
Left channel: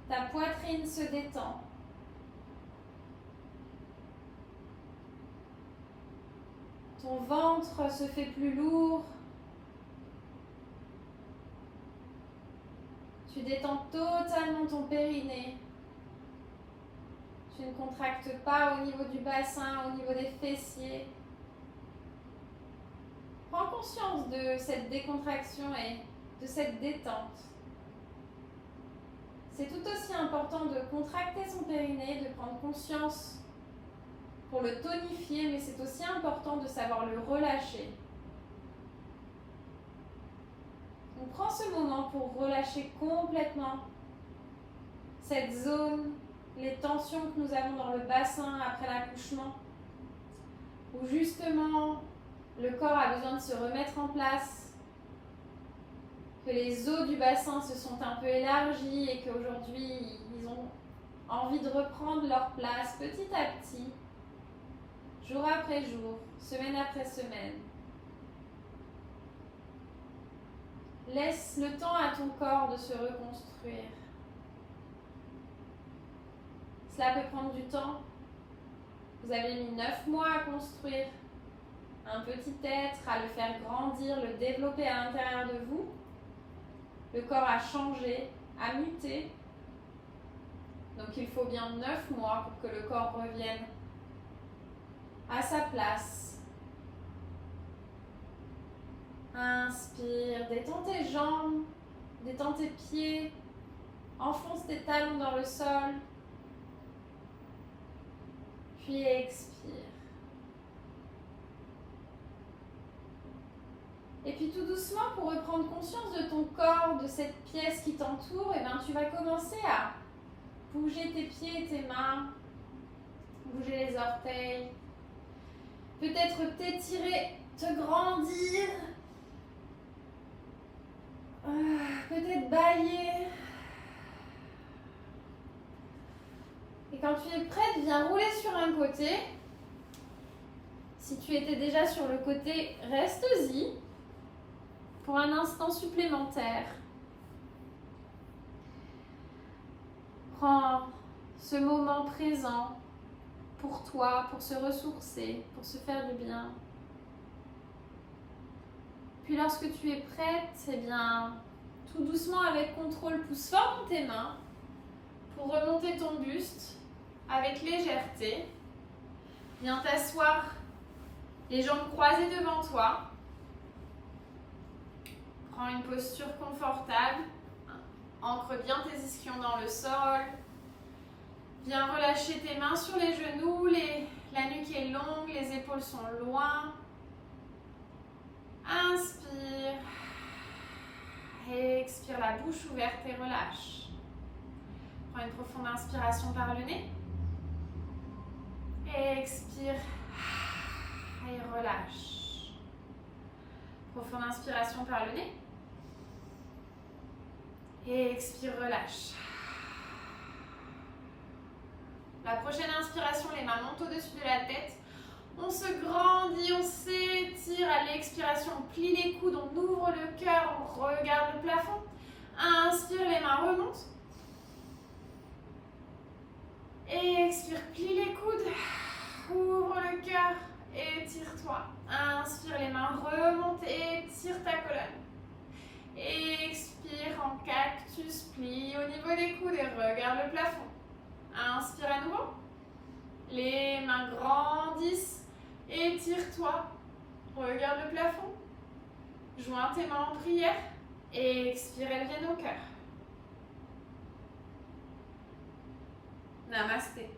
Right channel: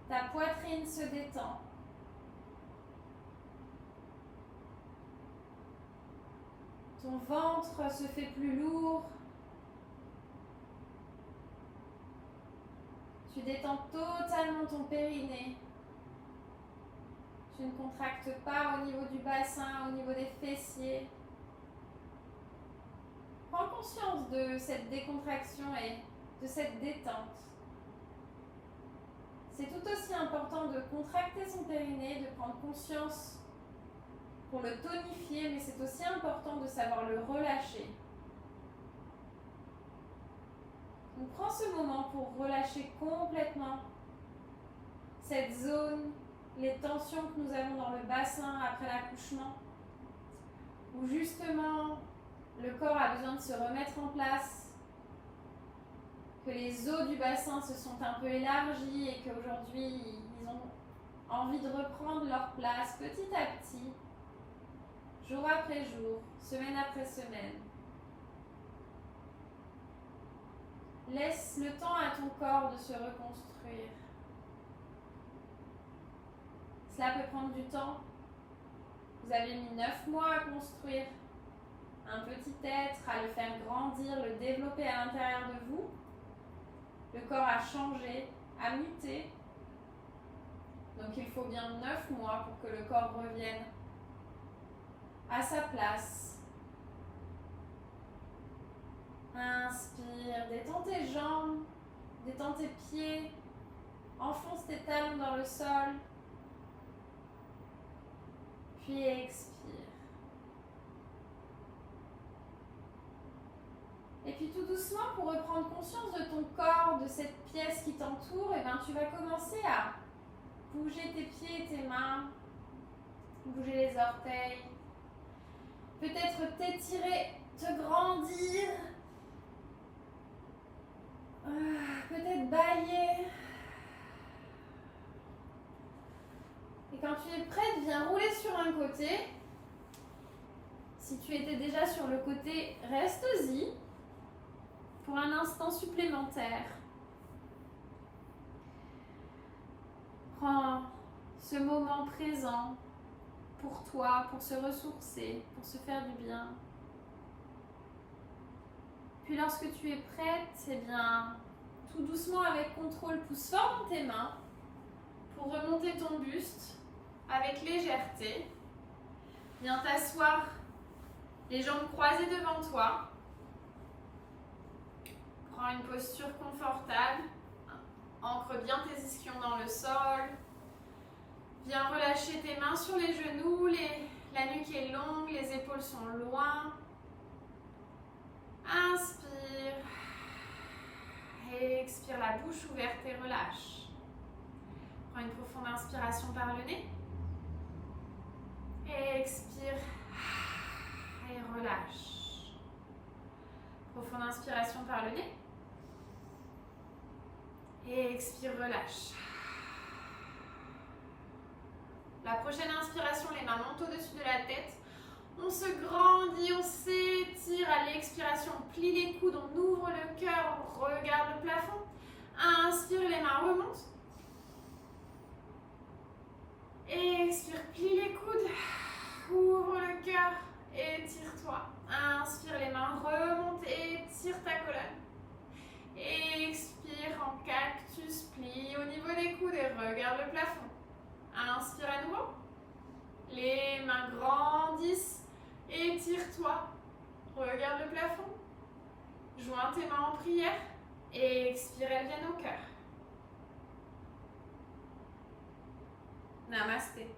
Ta poitrine se détend. Ton ventre se fait plus lourd. Tu détends totalement ton périnée. Tu ne contractes pas au niveau du bassin, au niveau des fessiers. Prends conscience de cette décontraction et de cette détente. C'est tout aussi important de contracter son périnée, de prendre conscience pour le tonifier, mais c'est aussi important de savoir le relâcher. Donc prends ce moment pour relâcher complètement cette zone, les tensions que nous avons dans le bassin après l'accouchement, où justement le corps a besoin de se remettre en place, que les os du bassin se sont un peu élargis et qu'aujourd'hui ils ont envie de reprendre leur place petit à petit, jour après jour, semaine après semaine. Laisse le temps à ton corps de se reconstruire. Cela peut prendre du temps. Vous avez mis 9 mois à construire un petit être, à le faire grandir, le développer à l'intérieur de vous. Le corps a changé, a muté. Donc il faut bien 9 mois pour que le corps revienne à sa place. Inspire, détends tes jambes, détends tes pieds, enfonce tes talons dans le sol, puis expire. Et puis tout doucement, pour reprendre conscience de ton corps, de cette pièce qui t'entoure, et tu vas commencer à bouger tes pieds et tes mains, bouger les orteils, peut-être t'étirer, te grandir, peut-être bâiller. Et quand tu es prête, viens rouler sur un côté. Si tu étais déjà sur le côté, reste-y pour un instant supplémentaire. Prends ce moment présent pour toi, pour se ressourcer, pour se faire du bien. Puis lorsque tu es prête, eh bien, tout doucement avec contrôle, pousse fort dans tes mains pour remonter ton buste avec légèreté. Viens t'asseoir, les jambes croisées devant toi. Prends une posture confortable. Ancre bien tes ischions dans le sol. Viens relâcher tes mains sur les genoux. La nuque est longue, les épaules sont loin. Inspire. Expire la bouche ouverte et relâche. Prends une profonde inspiration par le nez. Expire et relâche. Profonde inspiration par le nez. Et expire, relâche. La prochaine inspiration, les mains montent au-dessus de la tête. On se grandit, on s'étire. À l'expiration, on plie les coudes, on ouvre le cœur, on regarde le plafond. Inspire, les mains remontent. Expire, plie les coudes. Ouvre le cœur, étire-toi. Inspire, les mains remontent, étire ta colonne. Expire en cactus, plie au niveau des coudes et regarde le plafond. Inspire à nouveau. Les mains grandissent, étire-toi. Regarde le plafond. Joins tes mains en prière. Expire, elles viennent au cœur. Namasté.